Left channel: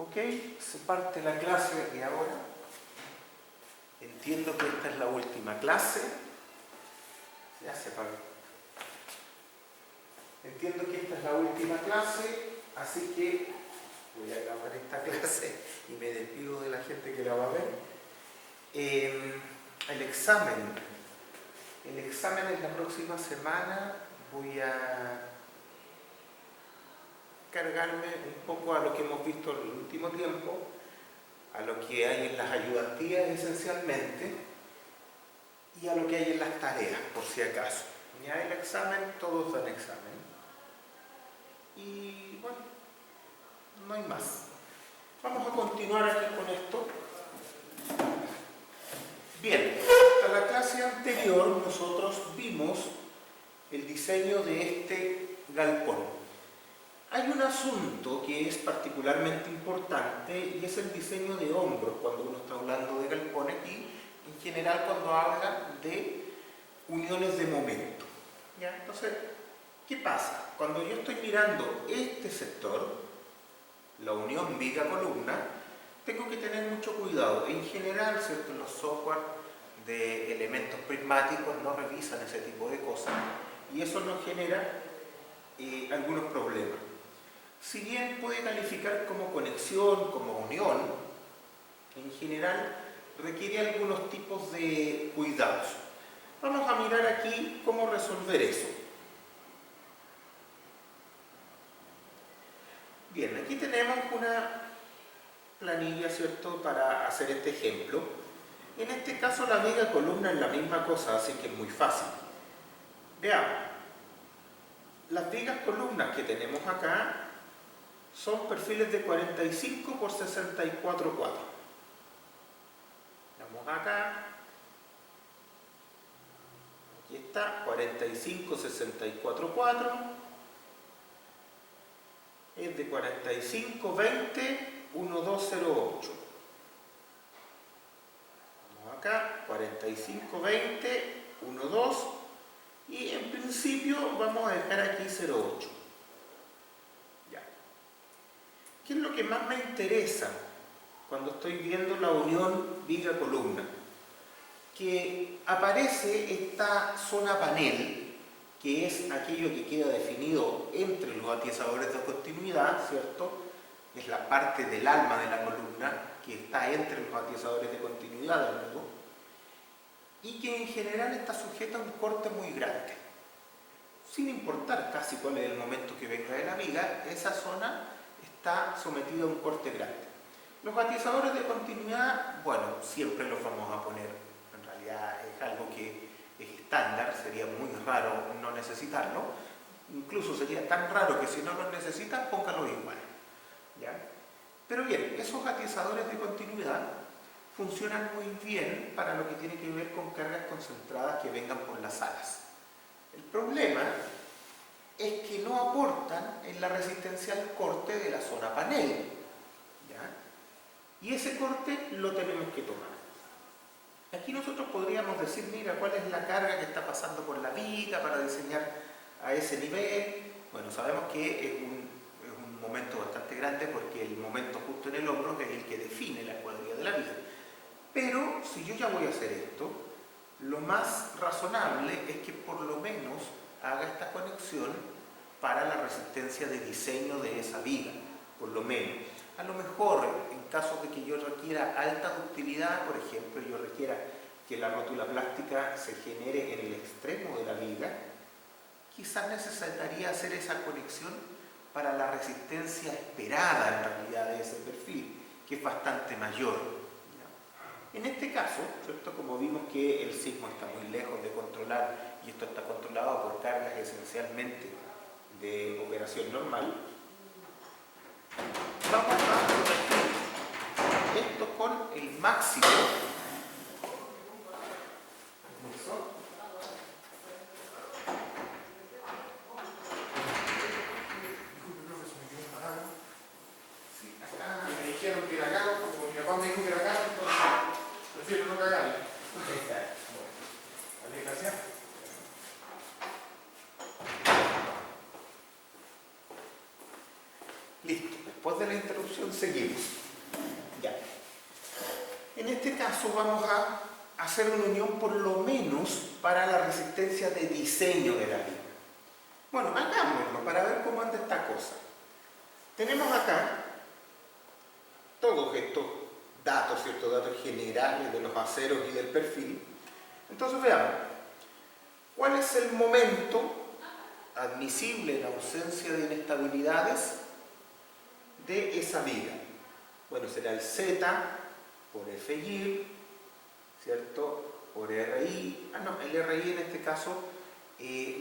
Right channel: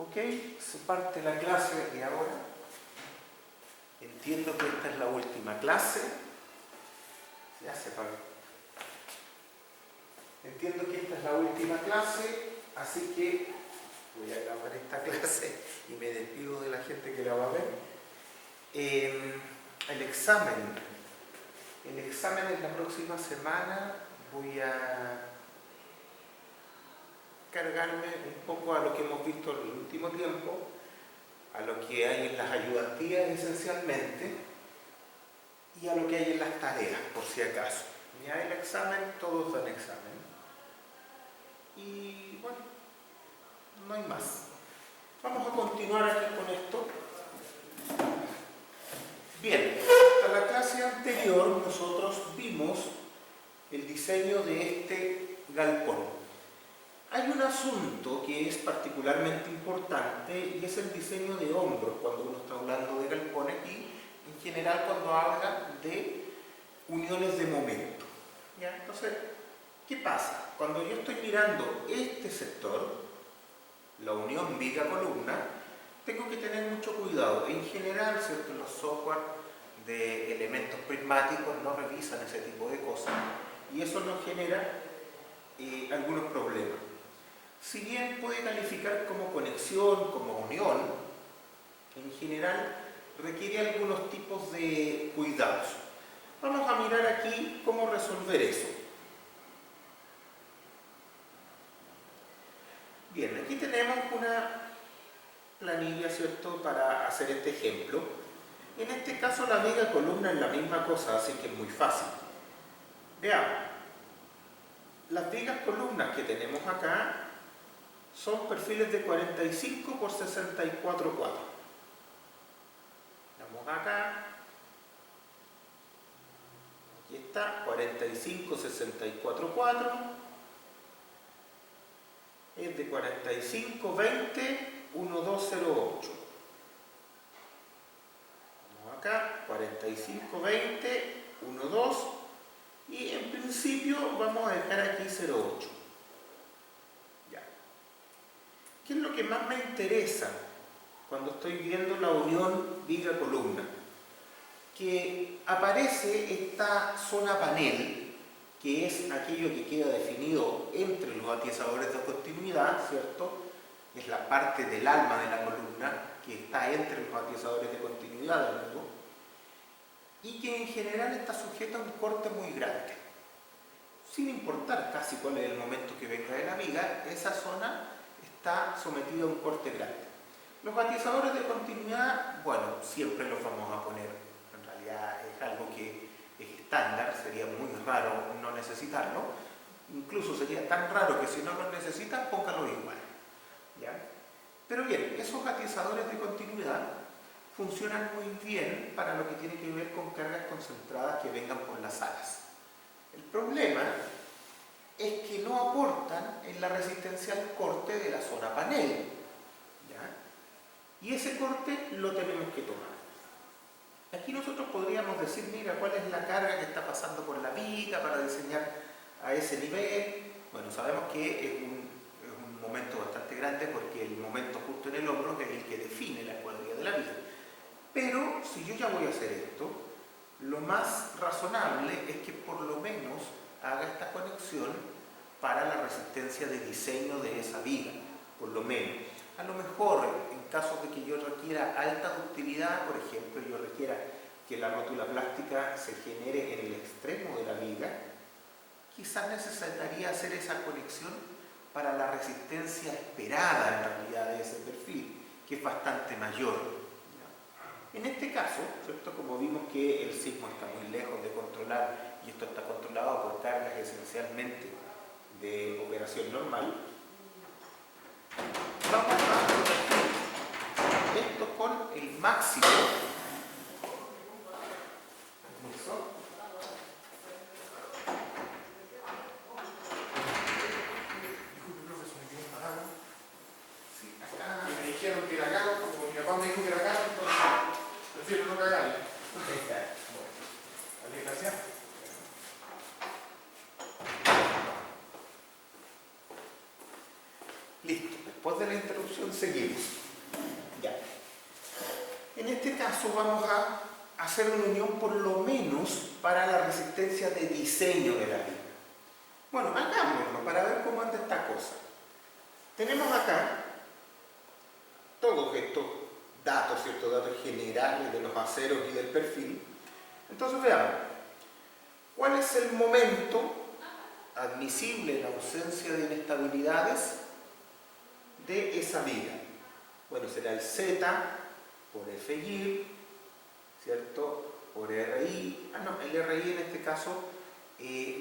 Ok, se parte la clase y ahora entiendo que esta es la última clase. Ya se paró. Entiendo que esta es la última clase, así que voy a acabar esta clase y me despido de la gente que la va a ver. El examen es la próxima semana. Voy a cargarme un poco a lo que hemos visto en el último tiempo, a lo que hay en las ayudantías esencialmente y a lo que hay en las tareas, por si acaso. Ya el examen, todos dan examen. Y bueno, no hay más. Vamos a continuar aquí con esto. Bien, en la clase anterior nosotros vimos el diseño de este galpón. Hay un asunto que es particularmente importante y es el diseño de hombros cuando uno está hablando de galpones y en general cuando habla de uniones de momento. ¿Ya? Entonces, ¿qué pasa? Cuando yo estoy mirando este sector, la unión viga-columna, tengo que tener mucho cuidado. En general, ¿cierto? Los software de elementos prismáticos no revisan ese tipo de cosas y eso nos genera algunos problemas. Si bien puede calificar como conexión, como unión, en general requiere algunos tipos de cuidados. Vamos a mirar aquí cómo resolver eso. Bien, aquí tenemos una planilla, ¿cierto?, para hacer este ejemplo. En este caso la viga columna es la misma cosa, así que es muy fácil. Veamos. Las vigas columnas que tenemos acá son perfiles de 45 por 64 cuadros. Vamos acá. Aquí está, 45, 64 cuadros. Es de 45, 20, 1208. Vamos acá, 45, 20, 12. Y en principio vamos a dejar aquí 08. Ya. ¿Qué es lo que más me interesa cuando estoy viendo la unión viga-columna? Que aparece esta zona panel, que es aquello que queda definido entre los atiesadores de continuidad, ¿cierto? Es la parte del alma de la columna que está entre los atiesadores de continuidad del nudo y que en general está sujeta a un corte muy grande. Sin importar casi cuál es el momento que venga de la viga, esa zona está sometida a un corte grande. Los atiesadores de continuidad, bueno, siempre los vamos a poner. En realidad es algo que es estándar, sería muy raro no necesitarlo. Incluso sería tan raro que si no los necesitan, pónganlo igual. ¿Ya? Pero bien, esos atiesadores de continuidad funcionan muy bien para lo que tiene que ver con cargas concentradas que vengan por las alas. El problema es que no aportan en la resistencia al corte de la zona panel. ¿Ya? Y ese corte lo tenemos que tomar. Aquí nosotros podríamos decir, mira, cuál es la carga que está pasando por la viga para diseñar a ese nivel. Bueno, sabemos que es un momento bastante grande porque el momento justo en el hombro es el que define la cuadrilla de la viga. Pero si yo ya voy a hacer esto, lo más razonable es que por lo menos haga esta conexión para la resistencia de diseño de esa viga, por lo menos. A lo mejor, en caso de que yo requiera alta ductilidad, por ejemplo, yo requiera que la rótula plástica se genere en el extremo de la viga, quizás necesitaría hacer esa conexión para la resistencia esperada en realidad de ese perfil, que es bastante mayor. En este caso, ¿cierto? Como vimos que el sismo está muy lejos de controlar y esto está controlado por cargas esencialmente de operación normal, vamos a corregir esto con el máximo. Sí, acá me dijeron que era acá, como mi papá me dijo que era acá, entonces prefiero no cagarle. Vale, gracias. Listo, después de la interrupción seguimos. Ya. En este caso vamos a hacer una unión por lo menos para la resistencia de diseño de la viga. Bueno, hagámoslo para ver cómo anda esta cosa. Tenemos acá todos estos datos, ¿cierto? Datos generales de los aceros y del perfil. Entonces veamos, ¿cuál es el momento admisible en ausencia de inestabilidades de esa viga? Bueno, será el Z por FY, ¿cierto? Por RI. El RI en este caso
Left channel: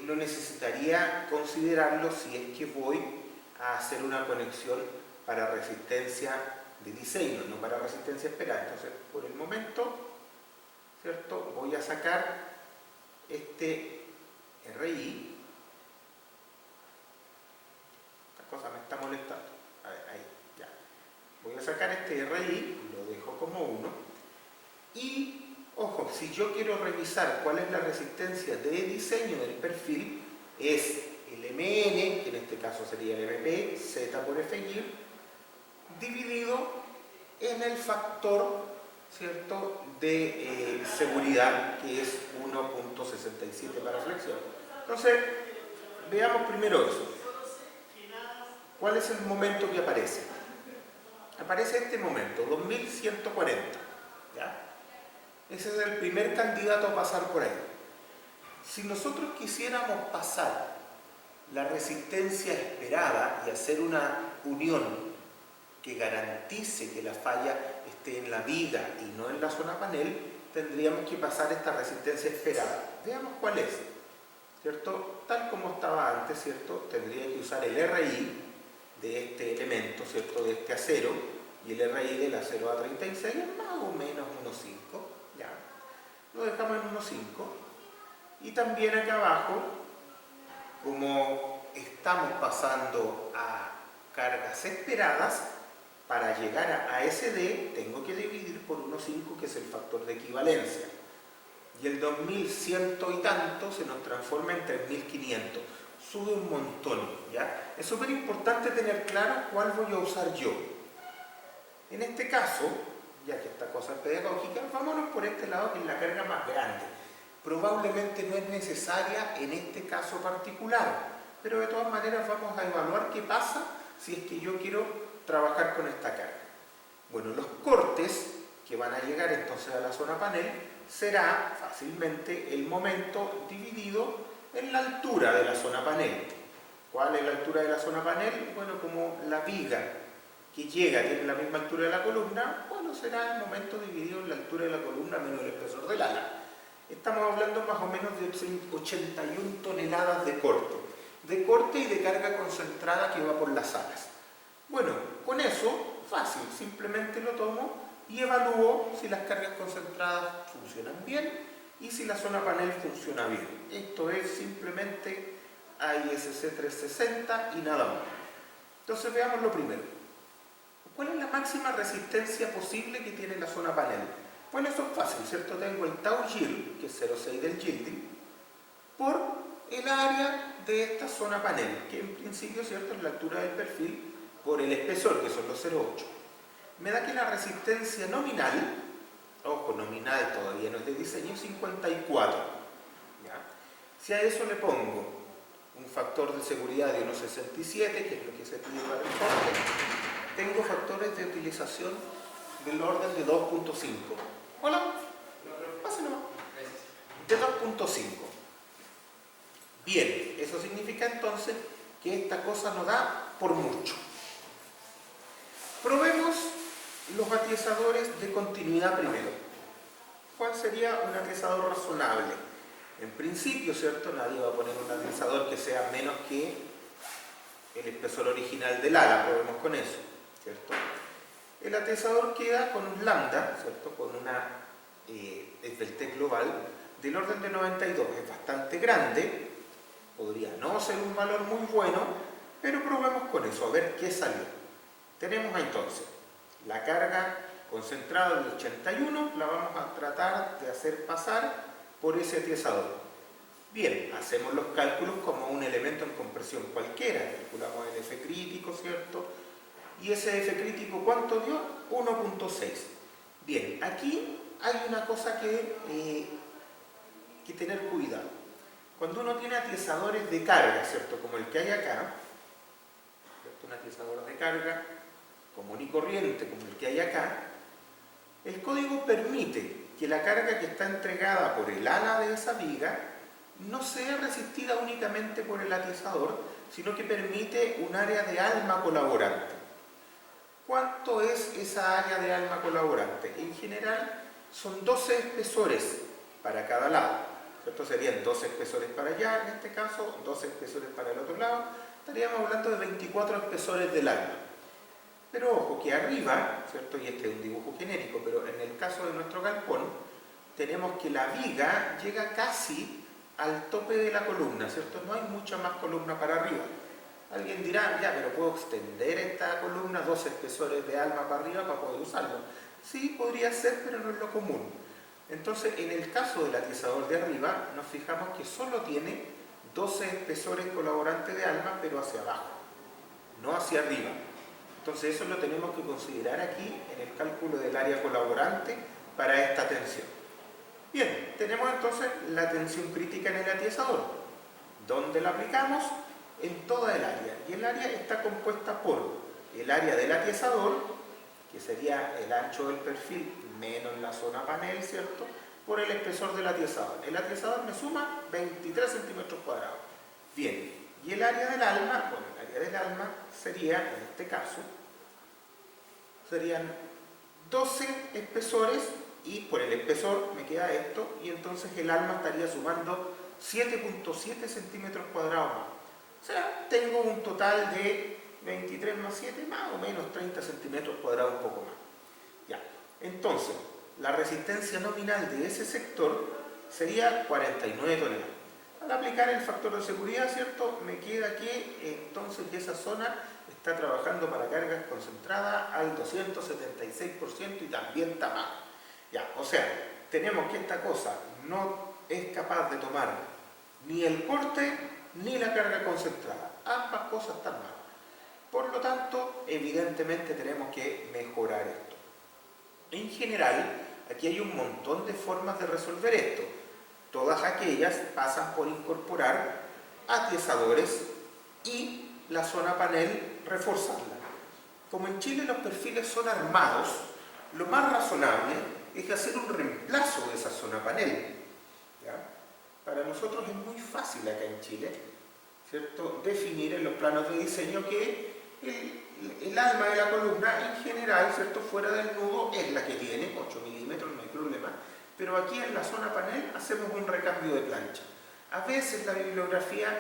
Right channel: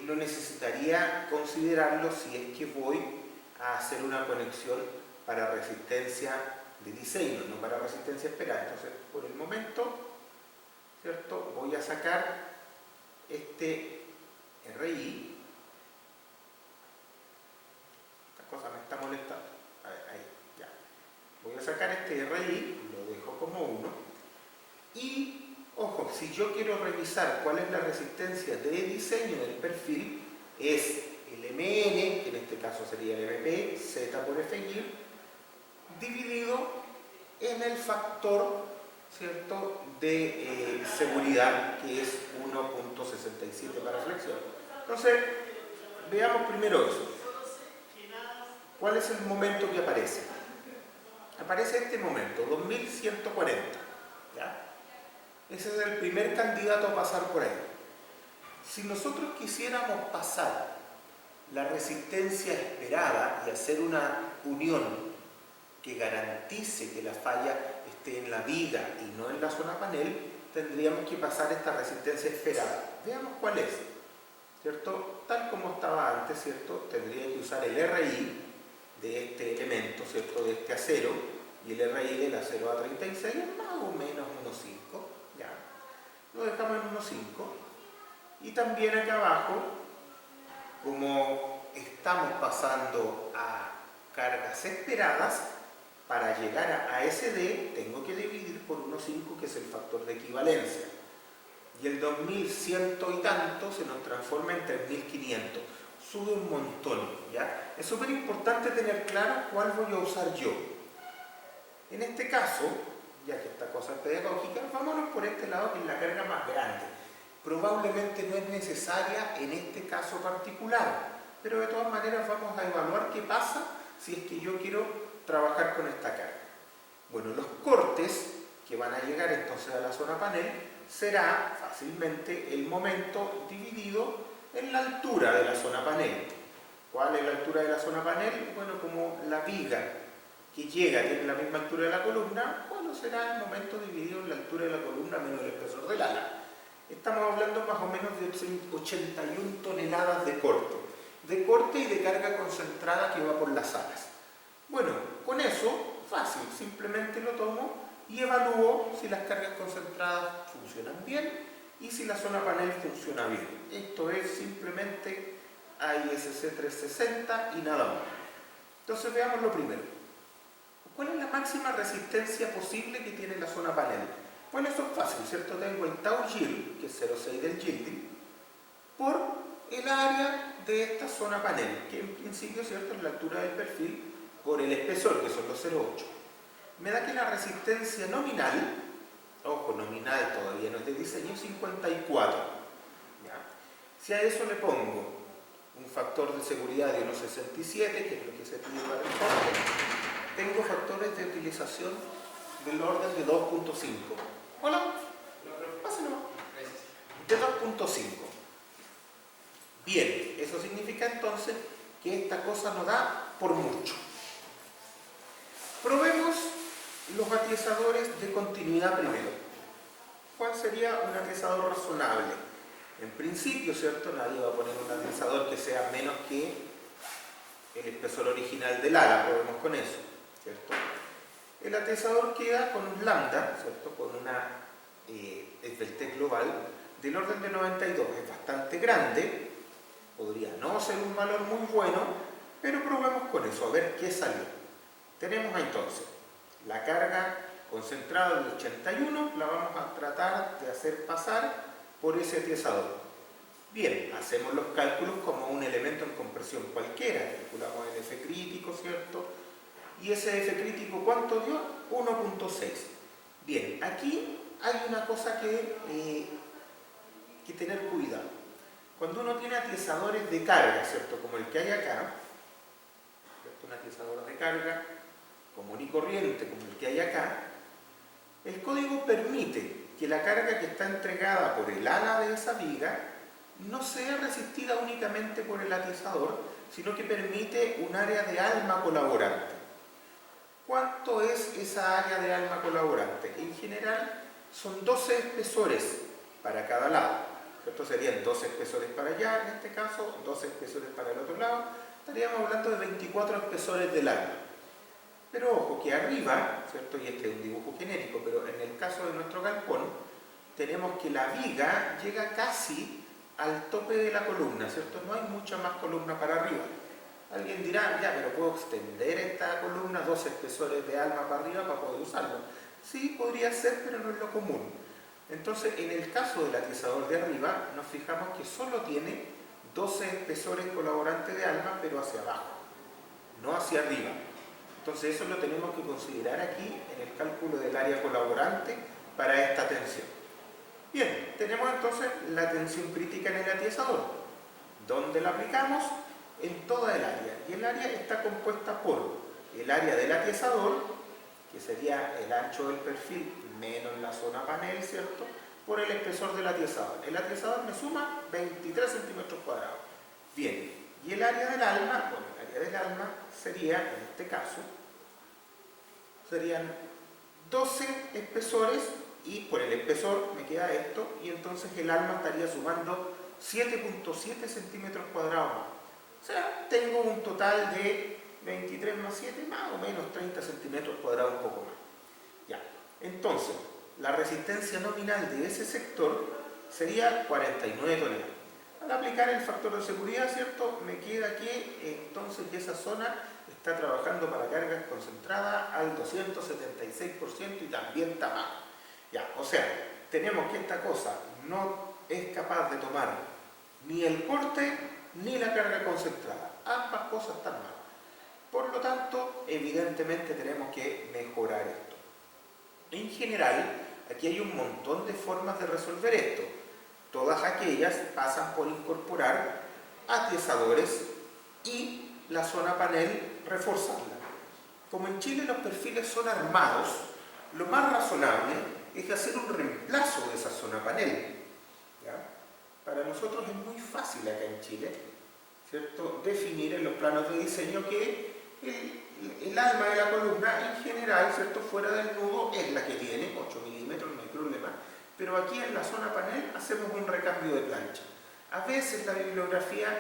no necesitaría considerarlo si es que voy a hacer una conexión para resistencia de diseño, no para resistencia esperada. Entonces, por el momento, ¿cierto? Voy a sacar este RI. Esta cosa me está molestando. A ver, ahí, ya. Voy a sacar este RI, lo dejo como 1. Y, ojo, si yo quiero revisar cuál es la resistencia de diseño del perfil, es el MN, que en este caso sería el MP, Z por FY, dividido en el factor, ¿cierto?, de seguridad, que es 1.67 para flexión. Entonces, veamos primero eso. ¿Cuál es el momento que aparece? Aparece este momento, 2140. ¿Ya? Ese es el primer candidato a pasar por ahí. Si nosotros quisiéramos pasar la resistencia esperada y hacer una unión que garantice que la falla esté en la viga y no en la zona panel, tendríamos que pasar esta resistencia esperada. Veamos cuál es, ¿cierto? Tal como estaba antes, ¿cierto? Tendría que usar el RI de este elemento, ¿cierto? De este acero, y el RI del acero A36 es más o menos 1.5, ¿ya? Lo dejamos en 1.5. Y también acá abajo, como estamos pasando a cargas esperadas, para llegar a SD tengo que dividir por 1.5, que es el factor de equivalencia. Y el 2100 y tanto se nos transforma en 3500. Sube un montón, ¿ya? Es súper importante tener claro cuál voy a usar yo. En este caso, ya que esta cosa es pedagógica, vámonos por este lado, que es la carga más grande. Probablemente no es necesaria en este caso particular, pero de todas maneras vamos a evaluar qué pasa si es que yo quiero trabajar con esta carga. Bueno, los cortes que van a llegar entonces a la zona panel será fácilmente el momento dividido en la altura de la zona panel. ¿Cuál es la altura de la zona panel? Bueno, como la viga que llega tiene la misma altura de la columna, bueno, será el momento dividido en la altura de la columna menos el espesor del ala. Estamos hablando más o menos de 81 toneladas de corte y de carga concentrada que va por las alas. Bueno, con eso, fácil, simplemente lo tomo y evalúo si las cargas concentradas funcionan bien y si la zona panel funciona bien. Esto es simplemente AISC 360 y nada más. Entonces veamos lo primero. ¿Cuál es la máxima resistencia posible que tiene la zona panel? Bueno, eso es fácil, ¿cierto? Tengo el tau yield, que es 0,6 del yielding, por el área de esta zona panel, que en principio, ¿cierto?, es la altura del perfil, por el espesor, que son los 0,8. Me da que la resistencia nominal, ojo, nominal todavía no es de diseño, 54. ¿Ya? Si a eso le pongo un factor de seguridad de 1,67, que es lo que se pide para el corte, tengo factores de utilización del orden de 2.5. Hola, pásenlo. De 2.5. Bien, eso significa entonces que esta cosa no da por mucho. Probemos los atiesadores de continuidad primero. ¿Cuál sería un atiesador razonable? En principio, ¿cierto? Nadie va a poner un atiesador que sea menos que el espesor original del ala, probemos con eso, ¿cierto? El atiesador queda con un lambda, ¿cierto?, con una esbeltez global del orden de 92. Es bastante grande, podría no ser un valor muy bueno, pero probemos con eso, a ver qué salió. Tenemos entonces la carga concentrada del 81, la vamos a tratar de hacer pasar por ese atiesador. Bien, hacemos los cálculos como un elemento en compresión cualquiera, calculamos el F crítico, ¿cierto?, y ese F crítico ¿cuánto dio? 1.6. Bien, aquí hay una cosa que tener cuidado. Cuando uno tiene atiesadores de carga, ¿cierto? Como el que hay acá, ¿cierto? Un atiesador de carga común y corriente como el que hay acá, el código permite que la carga que está entregada por el ala de esa viga no sea resistida únicamente por el atiesador, sino que permite un área de alma colaborante. ¿Cuánto es esa área de alma colaborante? En general son 12 espesores para cada lado. ¿Cierto? Serían 12 espesores para allá, en este caso, 12 espesores para el otro lado. Estaríamos hablando de 24 espesores del alma. Pero ojo, que arriba, ¿cierto? Y este es un dibujo genérico, pero en el caso de nuestro galpón, tenemos que la viga llega casi al tope de la columna, ¿cierto? No hay mucha más columna para arriba. Alguien dirá, ya, pero ¿puedo extender esta columna 12 espesores de alma para arriba para poder usarlo? Sí, podría ser, pero no es lo común. Entonces, en el caso del atiesador de arriba, nos fijamos que solo tiene 12 espesores colaborantes de alma, pero hacia abajo, no hacia arriba. Entonces eso lo tenemos que considerar aquí en el cálculo del área colaborante para esta tensión. Bien, tenemos entonces la tensión crítica en el atiesador. ¿Dónde la aplicamos? En toda el área. Y el área está compuesta por el área del atiesador, que sería el ancho del perfil menos la zona panel, ¿cierto? Por el espesor del atiesador. El atiesador me suma 23 centímetros cuadrados. Bien, y el área del alma, bueno, el área del alma sería, en este caso, serían 12 espesores y por el espesor me queda esto y entonces el alma estaría sumando 7.7 centímetros cuadrados más. O sea, tengo un total de 23 más 7, más o menos 30 centímetros cuadrados, un poco más. Ya, entonces, la resistencia nominal de ese sector sería 49 toneladas. Al aplicar el factor de seguridad, ¿cierto? Me queda que entonces esa zona está trabajando para cargas concentradas al 276% y también está mal. Ya, o sea, tenemos que esta cosa no es capaz de tomar ni el corte ni la carga concentrada. Ambas cosas están mal. Por lo tanto, evidentemente tenemos que mejorar esto. En general, aquí hay un montón de formas de resolver esto. Todas aquellas pasan por incorporar atiesadores y la zona panel reforzarla. Como en Chile los perfiles son armados, lo más razonable es hacer un reemplazo de esa zona panel. ¿Ya? Para nosotros es muy fácil acá en Chile, ¿cierto? Definir en los planos de diseño que el alma de la columna en general, ¿cierto? Fuera del nudo es la que tiene, 8 milímetros, no hay problema, pero aquí en la zona panel hacemos un recambio de plancha. A veces la bibliografía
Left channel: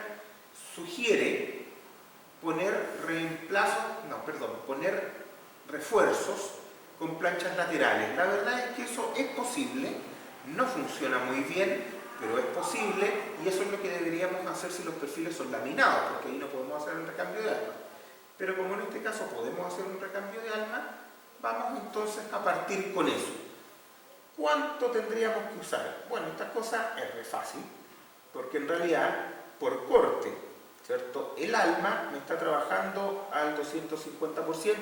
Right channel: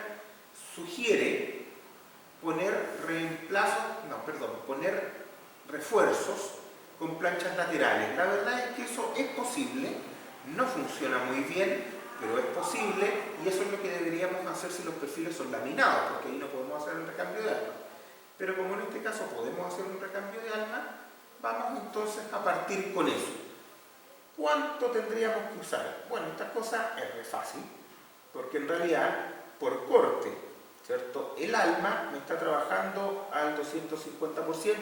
sugiere poner poner refuerzos con planchas laterales. La verdad es que eso es posible, no funciona muy bien, pero es posible y eso es lo que deberíamos hacer si los perfiles son laminados, porque ahí no podemos hacer el recambio de alma. Pero como en este caso podemos hacer un recambio de alma, vamos entonces a partir con eso. ¿Cuánto tendríamos que usar? Bueno, esta cosa es re fácil, porque en realidad, por corte, ¿cierto? El alma me está trabajando al 250%,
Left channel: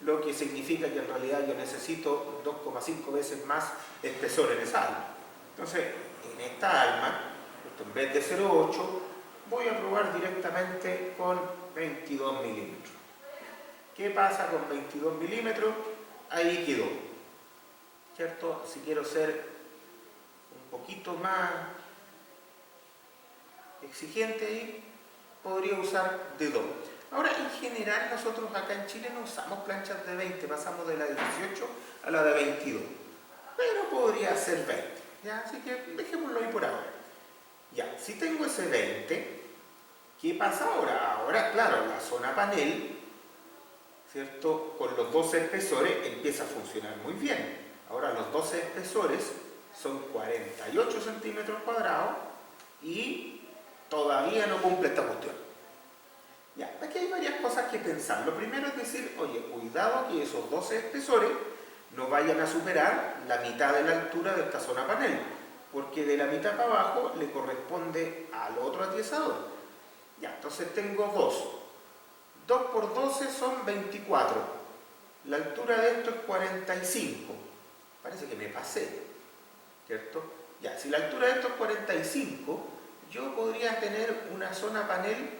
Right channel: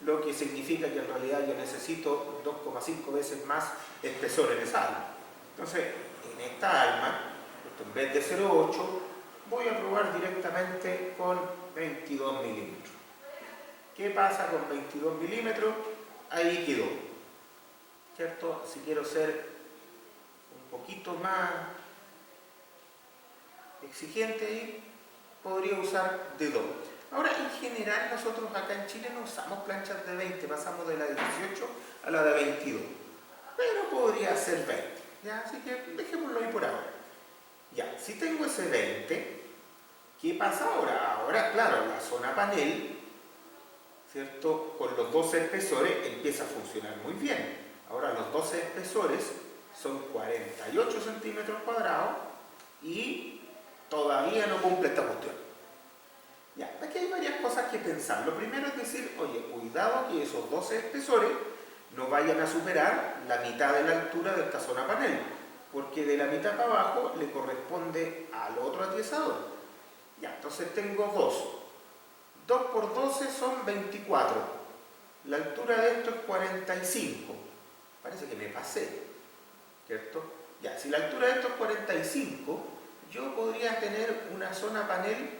lo que significa que en realidad yo necesito 2,5 veces más espesor en esa alma. Entonces, en esta alma, en vez de 0,8, voy a probar directamente con 22 milímetros. ¿Qué pasa con 22 milímetros? Ahí quedó, ¿cierto? Si quiero ser un poquito más exigente ahí, podría usar de 2. Ahora, en general, nosotros acá en Chile no usamos planchas de 20, pasamos de la de 18 a la de 22, pero podría ser 20, ¿ya? Así que dejémoslo ahí por ahora. Ya, si tengo ese 20, ¿qué pasa ahora? Ahora, claro, la zona panel, ¿cierto? Con los 12 espesores empieza a funcionar muy bien. Ahora los 12 espesores son 48 centímetros cuadrados y todavía no cumple esta cuestión. Ya, aquí hay varias cosas que pensar. Lo primero es decir, oye, cuidado que esos 12 espesores no vayan a superar la mitad de la altura de esta zona panel, porque de la mitad para abajo le corresponde al otro atiesador. Ya, entonces tengo 2 por 12 son 24. La altura de esto es 45. Parece que me pasé, ¿cierto? Ya, si la altura de esto es 45, yo podría tener una zona panel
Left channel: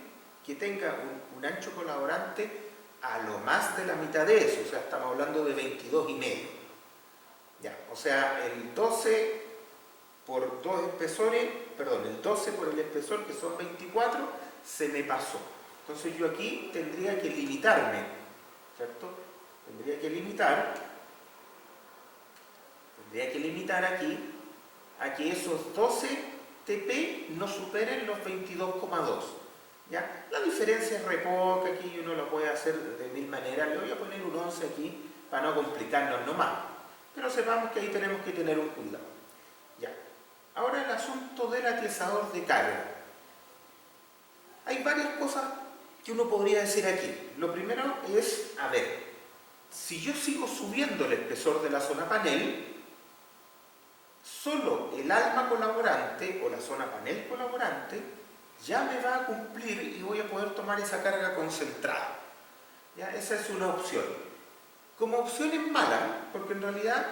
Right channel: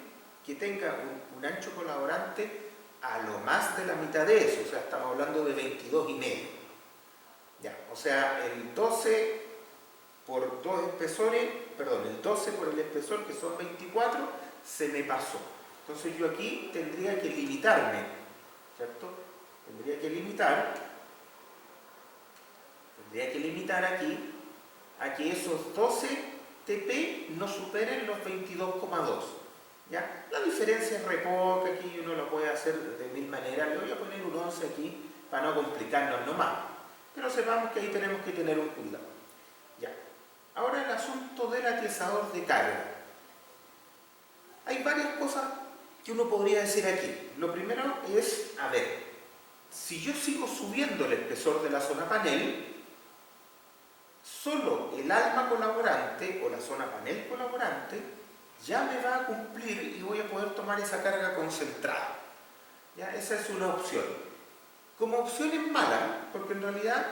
que tenga un ancho colaborante a lo más de la mitad de eso, o sea, estamos hablando de 22,5. Ya, o sea, el 12 por 2 espesores, perdón, el 12 por el espesor, que son 24, se me pasó. Entonces yo aquí tendría que limitarme, ¿cierto? Tendría que limitar aquí a que esos 12 TP no superen los 22,2. ¿Ya? La diferencia es re poca, aquí uno lo puede hacer de mil maneras. Le voy a poner un 11 aquí para no complicarnos nomás. Pero sepamos que ahí tenemos que tener un cuidado. Ya. Ahora el asunto del atiesador de carga. Hay varias cosas que uno podría decir aquí. Lo primero es, a ver, si yo sigo subiendo el espesor de la zona panel, solo el alma colaborante o la zona panel colaborante ya me va a cumplir y voy a poder tomar esa carga concentrada. ¿Ya? Esa es una opción. Como opción es mala, porque en realidad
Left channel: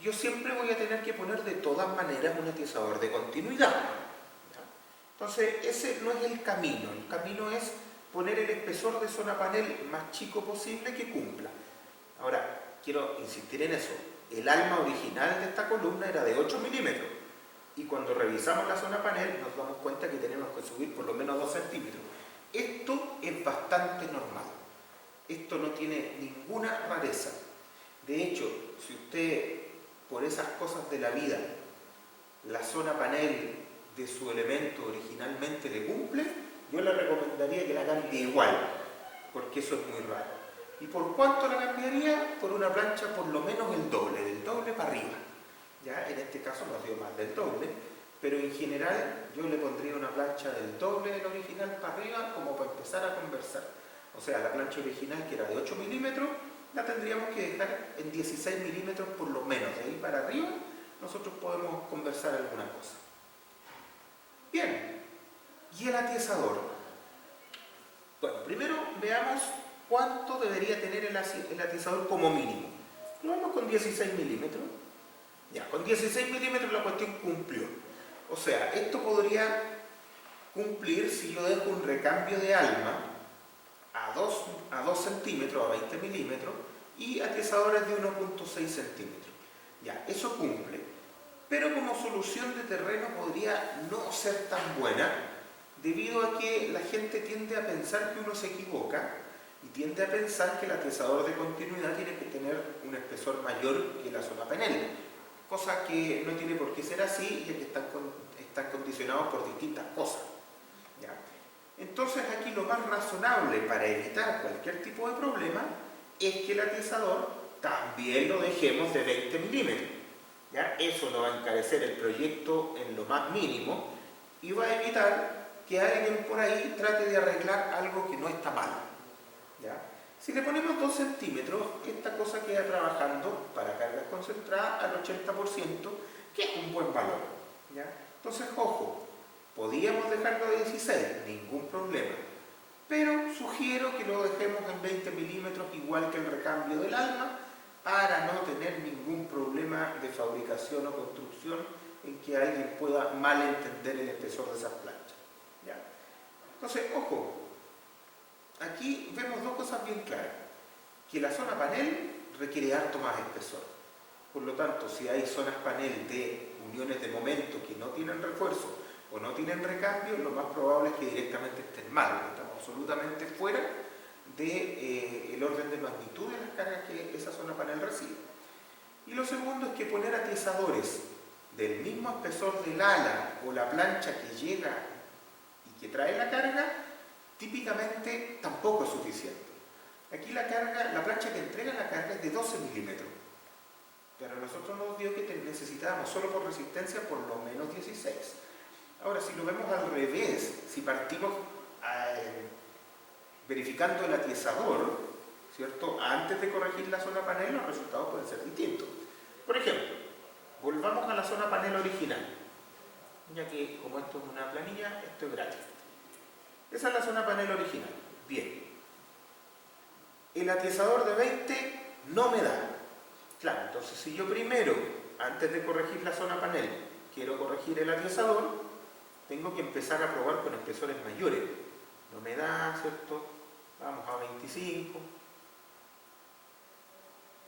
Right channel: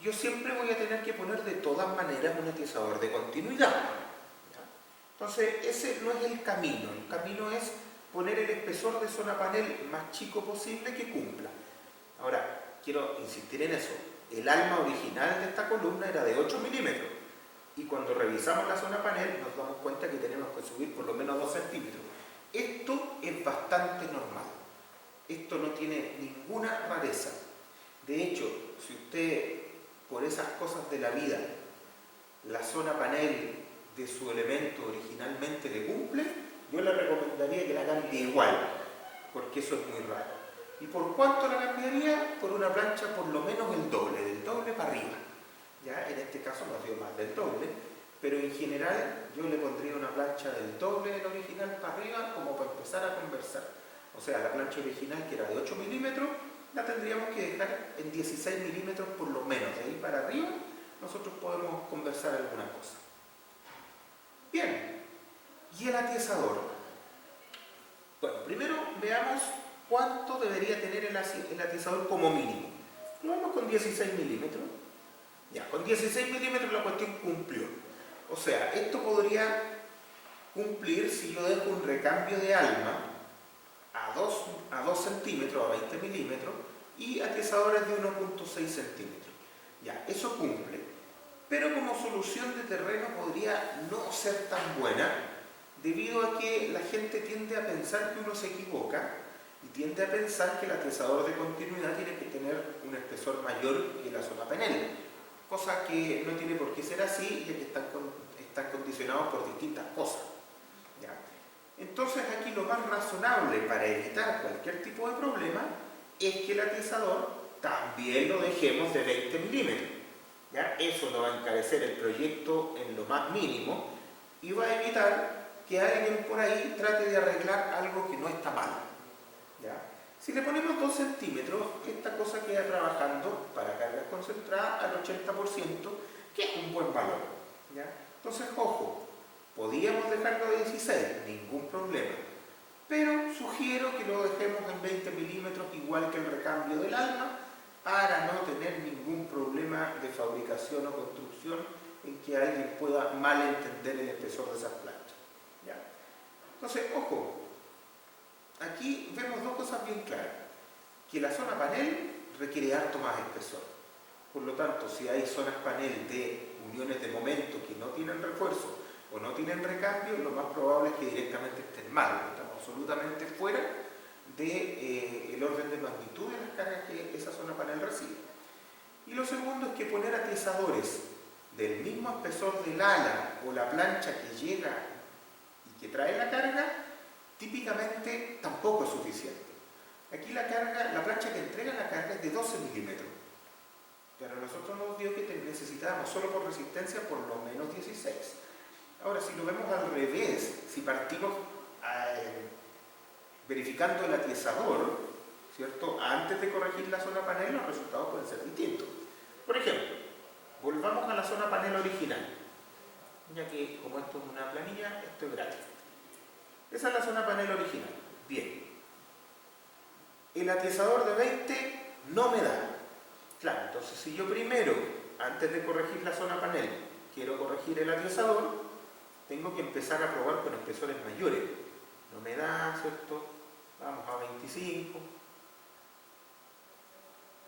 yo siempre voy a tener que poner de todas maneras un atiesador de continuidad. ¿Ya? Entonces, ese no es el camino. El camino es poner el espesor de zona panel más chico posible que cumpla. Ahora, quiero insistir en eso. El alma original de esta columna era de 8 milímetros. Y cuando revisamos la zona panel nos damos cuenta que tenemos que subir por lo menos 2 centímetros. Esto es bastante normal. Esto no tiene ninguna rareza. De hecho, si usted, por esas cosas de la vida, la zona panel de su elemento originalmente le cumple, yo le recomendaría que la cambie igual, porque eso es muy raro. ¿Y por cuánto la cambiaría? Por una plancha por lo menos el doble, del doble para arriba. ¿Ya? En este caso no ha sido más del doble, pero en general yo le pondría una plancha del doble del original para arriba como para empezar a conversar. O sea, la plancha original, que era de 8 milímetros, la tendríamos que dejar en 16 milímetros por lo menos. De ahí para arriba nosotros podemos conversar alguna cosa. Bien, ¿y el atiesador? Bueno, primero veamos cuánto debería tener el atiesador como mínimo. Lo vamos con 16 milímetros. Ya, con 16 milímetros la cuestión cumplió. O sea, esto podría cumplir si yo dejo un recambio de alma a 2 centímetros, a 20 milímetros, y atiesadores de 1,6 centímetros. Ya, eso cumple. Pero como solución de terreno podría no ser tan buena, debido a que la gente tiende a pensar que uno se equivoca y tiende a pensar que el atiesador de continuidad tiene que tener un espesor mayor que la zona panel, cosa que no tiene por qué ser así, ya que están condicionados por distintas cosas. ¿Ya? Entonces aquí lo más razonable para evitar cualquier tipo de problema es que el atiesador también lo dejemos de 20 milímetros. ¿Ya? Eso no va a encarecer el proyecto en lo más mínimo y va a evitar que alguien por ahí trate de arreglar algo que no está mal. ¿Ya? Si le ponemos 2 centímetros, esta cosa queda trabajando para cargas concentradas al 80%, que es un buen valor. ¿Ya? Entonces, ojo, podíamos dejarlo de 16, ningún problema. Pero sugiero que lo dejemos en 20 milímetros, igual que el recambio del alma, para no tener ningún problema de fabricación o construcción en que alguien pueda malentender el espesor de esas planchas. ¿Ya? Entonces, ojo, aquí vemos dos cosas bien claras. Que la zona panel requiere harto más espesor. Por lo tanto, si hay zonas panel de uniones de momento que no tienen refuerzo o no tienen recambio, lo más probable es que directamente estén mal. Estamos absolutamente fuera del orden de magnitud de las cargas que esa zona panel recibe. Y lo segundo es que poner atiesadores del mismo espesor del ala o la plancha que llega y que trae la carga, típicamente tampoco es suficiente. Aquí la plancha que entrega la carga es de 12 milímetros, pero nosotros nos dio que necesitábamos solo por resistencia por lo menos 16. Ahora, si lo vemos al revés, si partimos verificando el atiesador, ¿cierto? Antes de corregir la zona panel, los resultados pueden ser distintos. Por ejemplo, volvamos a la zona panel original, ya que como esto es una planilla, esto es gratis. Esa es la zona panel original. Bien. el atizador de 20 no me da. Claro, entonces si yo primero, antes de corregir la zona panel, quiero corregir el atizador, tengo que empezar a probar con espesores mayores. No me da, ¿cierto? Vamos a 25.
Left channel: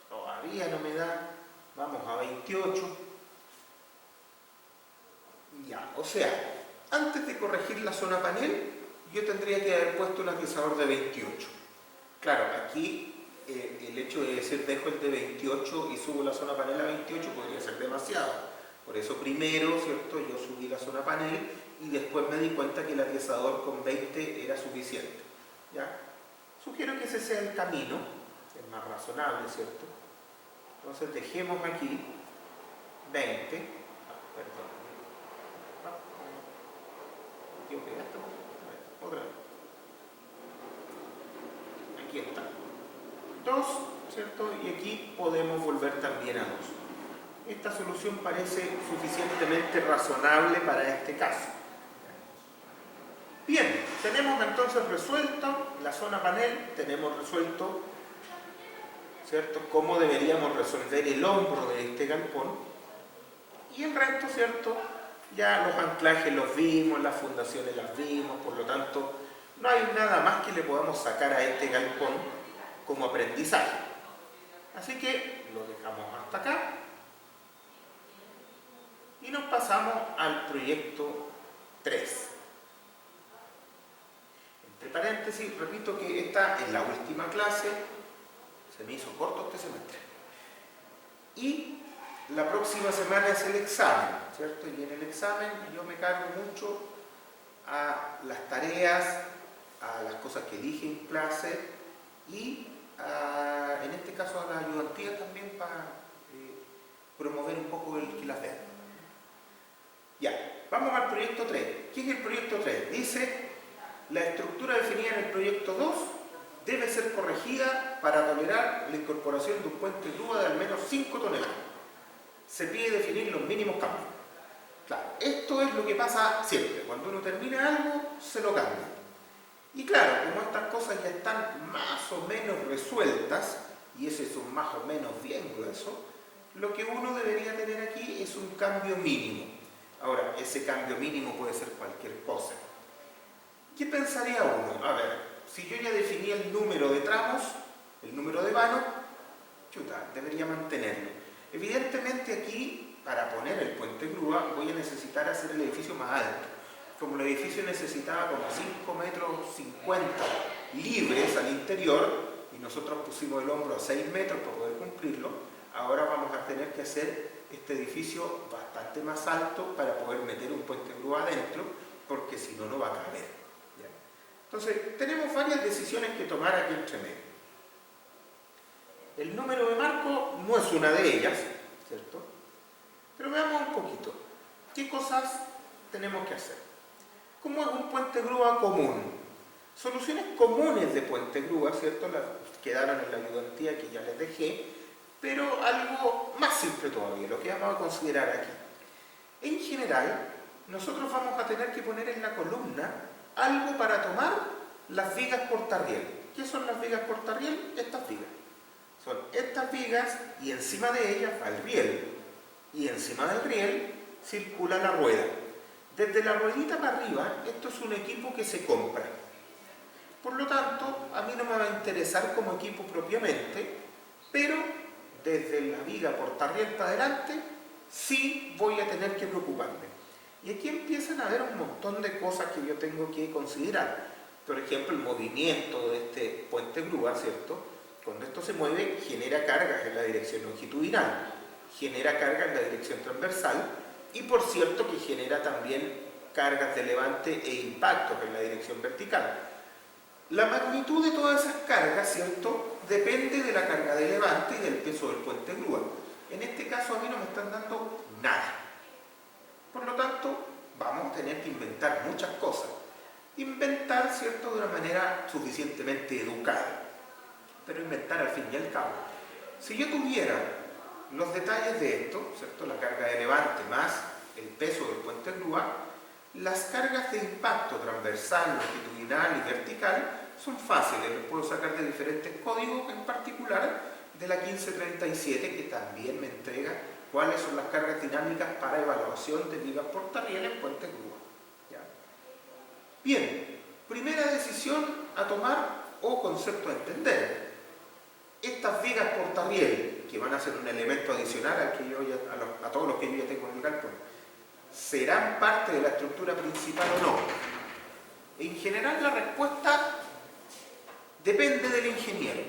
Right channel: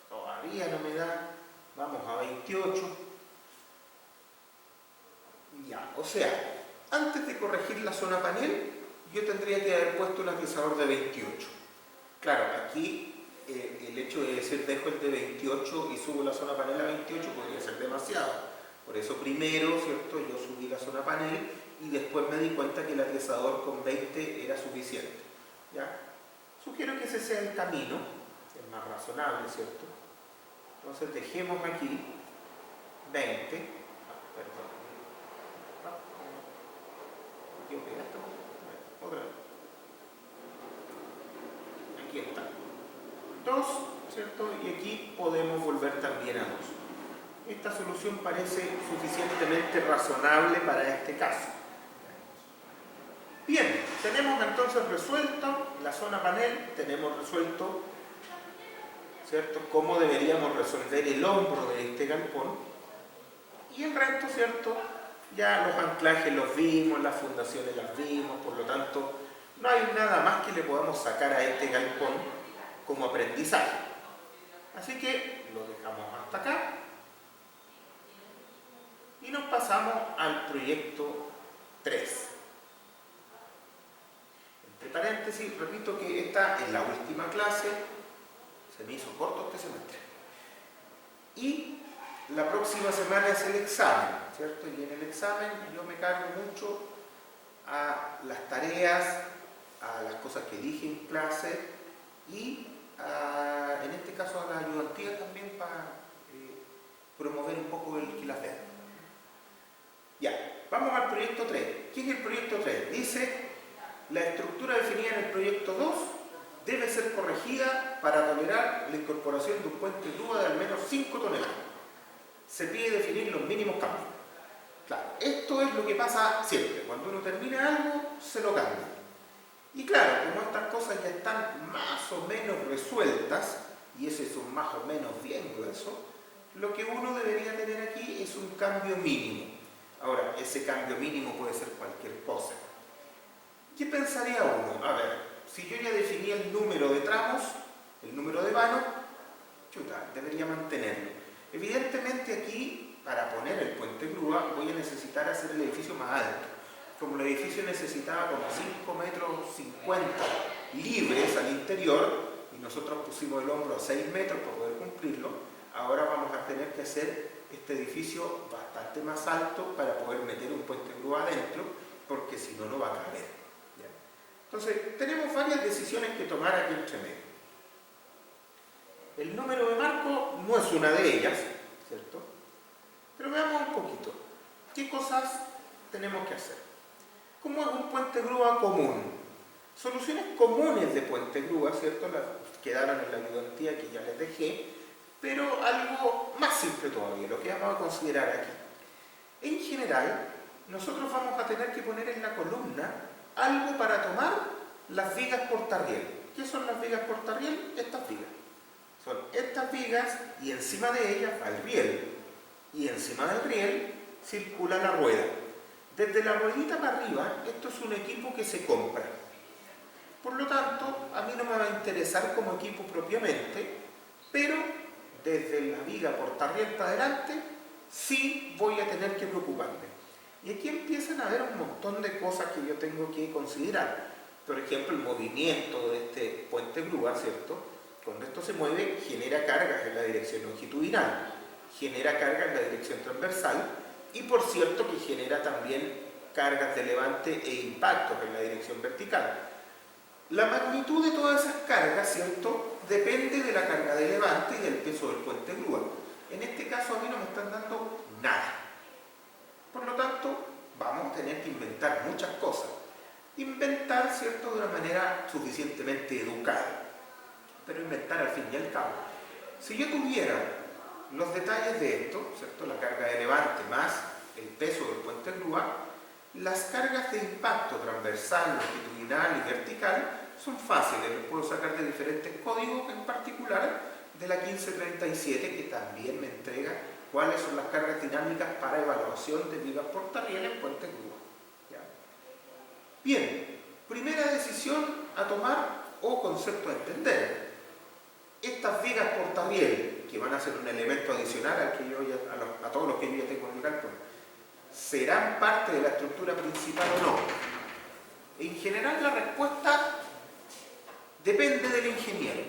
Todavía no me da. Vamos a 28. Ya, o sea, antes de corregir la zona panel, yo tendría que haber puesto un atizador de 28. Claro, aquí el hecho de decir dejo el de 28 y subo la zona panel a 28 podría ser demasiado. Por eso primero, ¿cierto? Yo subí la zona panel y después me di cuenta que el atizador con 20 era suficiente. ¿Ya? Sugiero que ese sea el camino, el más razonable, ¿cierto? Entonces dejemos aquí 20. Perdón. Otra vez. Aquí está. 2, ¿cierto? Y aquí podemos volver también a 2. Esta solución parece suficientemente razonable para este caso. Bien, tenemos entonces resuelto la zona panel, tenemos resuelto, ¿cierto?, cómo deberíamos resolver el hombro de este galpón, y el resto, ¿cierto?, ya los anclajes los vimos, las fundaciones las vimos, por lo tanto no hay nada más que le podamos sacar a este galpón como aprendizaje. Así que lo dejamos hasta acá y nos pasamos al proyecto 3. Entre paréntesis, repito que esta es la última clase, se me hizo corto este semestre. Y la próxima semana es el examen, ¿cierto? Y en el examen yo me cargo mucho a las tareas, a las cosas que dije en clase y en este caso a la ayudantía también para promover un poco el que las vean. Ya, vamos al proyecto 3. ¿Qué es el proyecto 3? Dice, la estructura definida en el proyecto 2 debe ser corregida para tolerar la incorporación de un puente grúa de al menos 5 toneladas. Se pide definir los mínimos cambios. Claro, esto es lo que pasa siempre. Cuando uno termina algo, se lo cambia. Y claro, como estas cosas ya están más o menos resueltas, y ese es un más o menos bien grueso, lo que uno debería tener aquí es un cambio mínimo. Ahora, ese cambio mínimo puede ser cualquier cosa. ¿Qué pensaría uno? A ver, si yo ya definí el número de tramos, el número de vanos, chuta, debería mantenerlo. Evidentemente aquí, para poner el puente grúa, voy a necesitar hacer el edificio más alto. Como el edificio necesitaba como 5,50 metros libres al interior, y nosotros pusimos el hombro a 6 metros para poder cumplirlo, ahora vamos a tener que hacer este edificio bastante más alto para poder meter un puente grúa adentro, porque si no, no va a caber. ¿Ya? Entonces, tenemos varias decisiones que tomar aquí entre medio. El número de marco no es una de ellas, ¿cierto? Pero veamos un poquito. ¿Qué cosas tenemos que hacer? ¿Cómo es un puente grúa común? Soluciones comunes de puente grúa, ¿cierto? Las quedaron en la ayudantía que ya les dejé, pero algo más simple todavía, lo que vamos a considerar aquí. En general, nosotros vamos a tener que poner en la columna algo para tomar las vigas portarriel. ¿Qué son las vigas portarriel? Estas vigas. Son estas vigas y encima de ellas va el riel. Y encima del riel circula la rueda. Desde la ruedita para arriba, esto es un equipo que se compra. Por lo tanto, a mí no me va a interesar como equipo propiamente, pero desde la viga portarriel para adelante, sí voy a tener que preocuparme. Y aquí empiezan a haber un montón de cosas que yo tengo que considerar. Por ejemplo, el movimiento de este puente grúa, ¿cierto? Cuando esto se mueve, genera cargas en la dirección longitudinal, genera cargas en la dirección transversal y, por cierto, que genera también cargas de levante e impactos en la dirección vertical. La magnitud de todas esas cargas, ¿cierto?, depende de la carga de levante y del peso del puente grúa. En este caso, a mí no me están dando nada. Por lo tanto, vamos a tener que inventar muchas cosas. Inventar, ¿cierto?, de una manera suficientemente educada. Pero inventar al fin y al cabo. Si yo tuviera los detalles de esto, ¿cierto?, la carga de levante más el peso del puente grúa, las cargas de impacto transversal, longitudinal y vertical son fáciles, los puedo sacar de diferentes códigos, en particular de la 1537, que también me entrega cuáles son las cargas dinámicas para evaluación de vigas portarriel en puentes grúa. ¿Ya? Bien, primera decisión a tomar o concepto a entender. Estas vigas portarriel, que van a ser un elemento adicional al que yo a todos los que yo ya tengo en el cálculo, ¿serán parte de la estructura principal o no? En general la respuesta depende del ingeniero.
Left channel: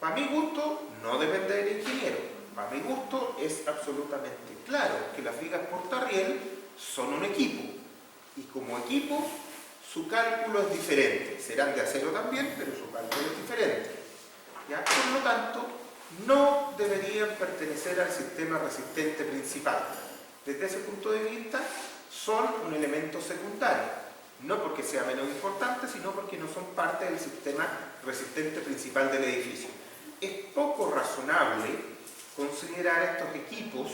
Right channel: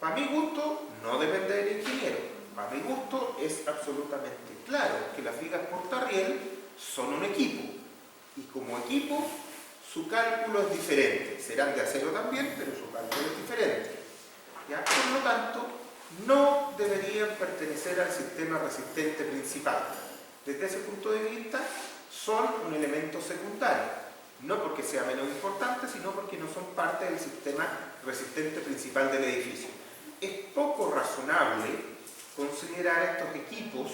Para mi gusto no depende del ingeniero. Para mi gusto es absolutamente claro que las vigas portarriel son un equipo y como equipo su cálculo es diferente. Serán de acero también, pero su cálculo es diferente. ¿Ya? Por lo tanto, no deberían pertenecer al sistema resistente principal. Desde ese punto de vista, son un elemento secundario. No porque sea menos importante, sino porque no son parte del sistema resistente principal del edificio. Es poco razonable considerar estos equipos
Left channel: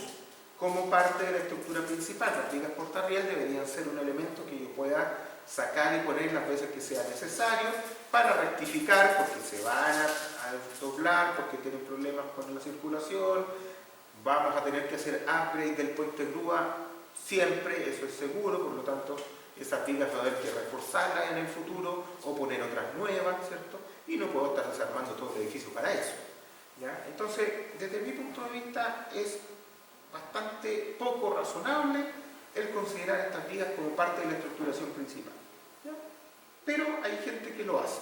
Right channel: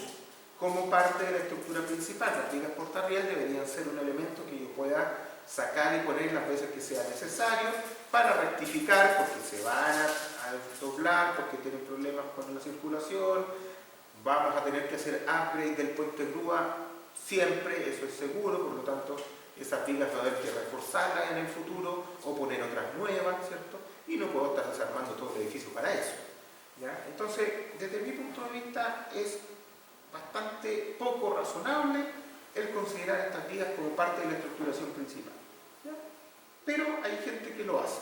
como parte de la estructura principal. Las vigas portarriel deberían ser un elemento que yo pueda sacar y poner las veces que sea necesario para rectificar, porque se van a doblar, porque tienen problemas con la circulación, vamos a tener que hacer upgrade del puente grúa siempre, eso es seguro, por lo tanto esas vigas va a haber que reforzarlas en el futuro o poner otras nuevas, ¿cierto? Y no puedo estar desarmando todo el edificio para eso. ¿Ya? Entonces, desde mi punto de vista, es bastante poco razonable el considerar estas vigas como parte de la estructuración principal. ¿Ya? Pero hay gente que lo hace.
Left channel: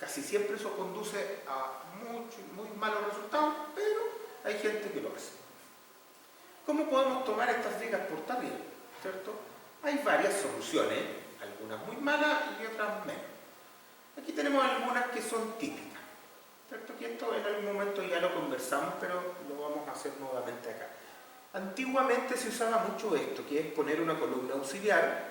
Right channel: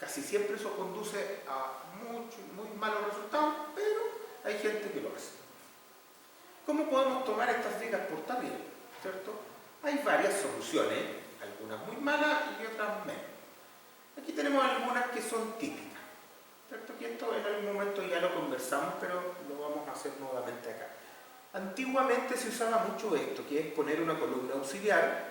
Casi siempre eso conduce a muy malos resultados, pero hay gente que lo hace. ¿Cómo podemos tomar estas vigas portarriel? ¿Cierto? Hay varias soluciones, algunas muy malas y otras menos. Aquí tenemos algunas que son típicas, ¿cierto? Y esto en algún momento ya lo conversamos, pero lo vamos a hacer nuevamente acá. Antiguamente se usaba mucho esto, que es poner una columna auxiliar,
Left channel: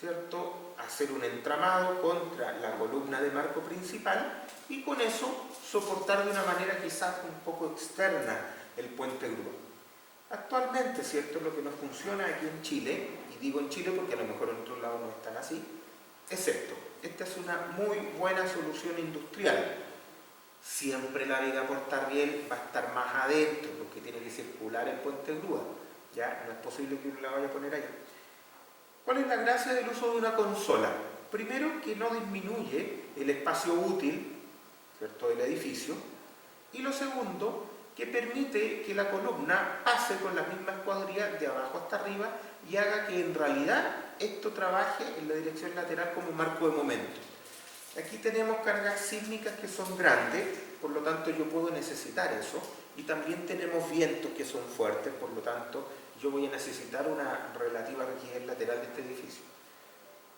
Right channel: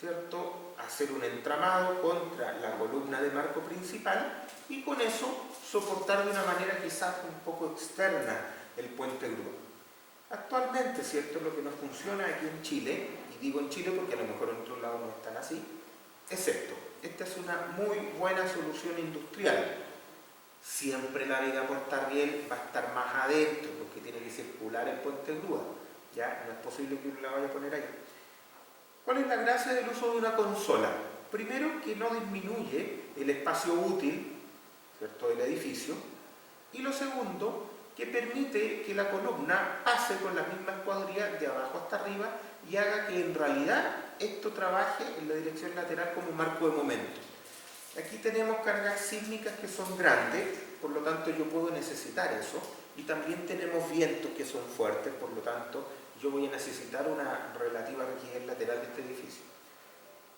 ¿cierto? Hacer un entramado contra la columna de marco principal y con eso soportar de una manera quizás un poco externa el puente grúa. Actualmente, ¿cierto? Lo que nos funciona aquí en Chile, y digo en Chile porque a lo mejor en otros lados no están así, es esto. Esta es una muy buena solución industrial. Siempre la viga portarriel va a estar más adentro porque tiene que circular el puente grúa. ¿Ya? No es posible que uno la vaya a poner ahí. ¿Cuál es la gracia del uso de una consola? Primero, que no disminuye el espacio útil, ¿cierto?, del edificio. Y lo segundo, que permite que la columna pase con la misma escuadría de abajo hasta arriba y haga que en realidad esto trabaje en la dirección lateral como marco de momento. Aquí tenemos cargas sísmicas que son grandes, por lo tanto yo puedo necesitar eso, y también tenemos vientos que son fuertes, por lo tanto yo voy a necesitar una relativa rigidez lateral de este edificio.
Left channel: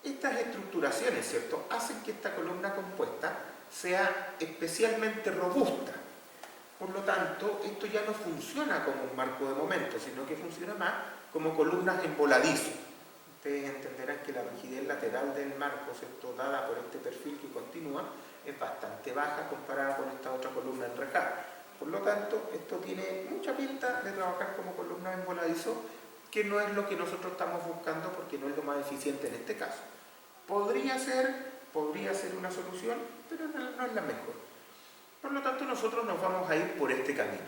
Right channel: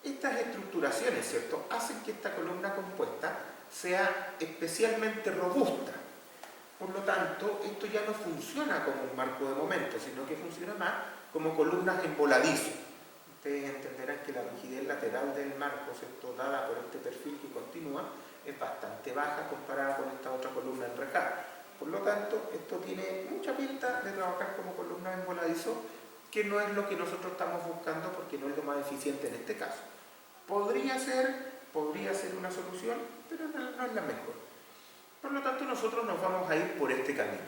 Estas estructuraciones, ¿cierto?, hacen que esta columna compuesta sea especialmente robusta. Por lo tanto, esto ya no funciona como un marco de momento, sino que funciona más como columnas en voladizo. Ustedes entenderán que la rigidez lateral del marco, ¿cierto?, dada por este perfil que continúa, es bastante baja comparada con esta otra columna enrejada. Por lo tanto, esto tiene mucha pinta de trabajar como columna en voladizo, que no es lo que nosotros estamos buscando porque no es lo más eficiente en este caso. Podría ser una solución, pero no es la mejor. Por lo tanto, nosotros nos vamos a ir por este camino.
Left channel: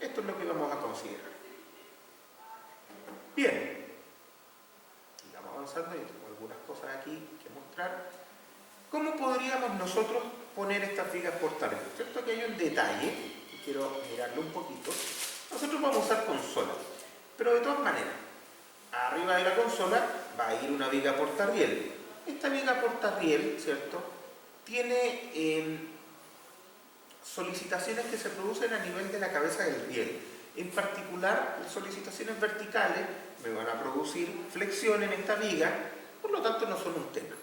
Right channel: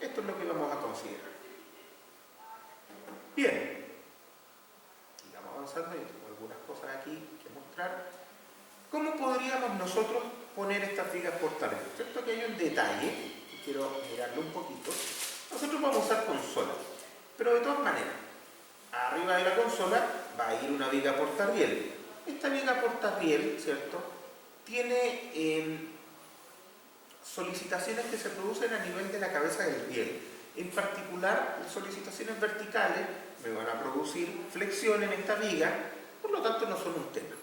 Esto es lo que vamos a considerar. Bien. Sigamos avanzando, yo tengo algunas cosas aquí que mostrar. ¿Cómo podríamos nosotros poner estas vigas portarriel? ¿Cierto? Aquí hay un detalle, y quiero mirarlo un poquito. Nosotros vamos a usar consola, pero de todas maneras, arriba de la consola va a ir una viga portarriel. Esta viga portarriel, ¿cierto?, tiene solicitaciones que se producen a nivel de la cabeza del riel. En particular, solicitaciones verticales me van a producir flexión en esta viga, por lo tanto no son un tema.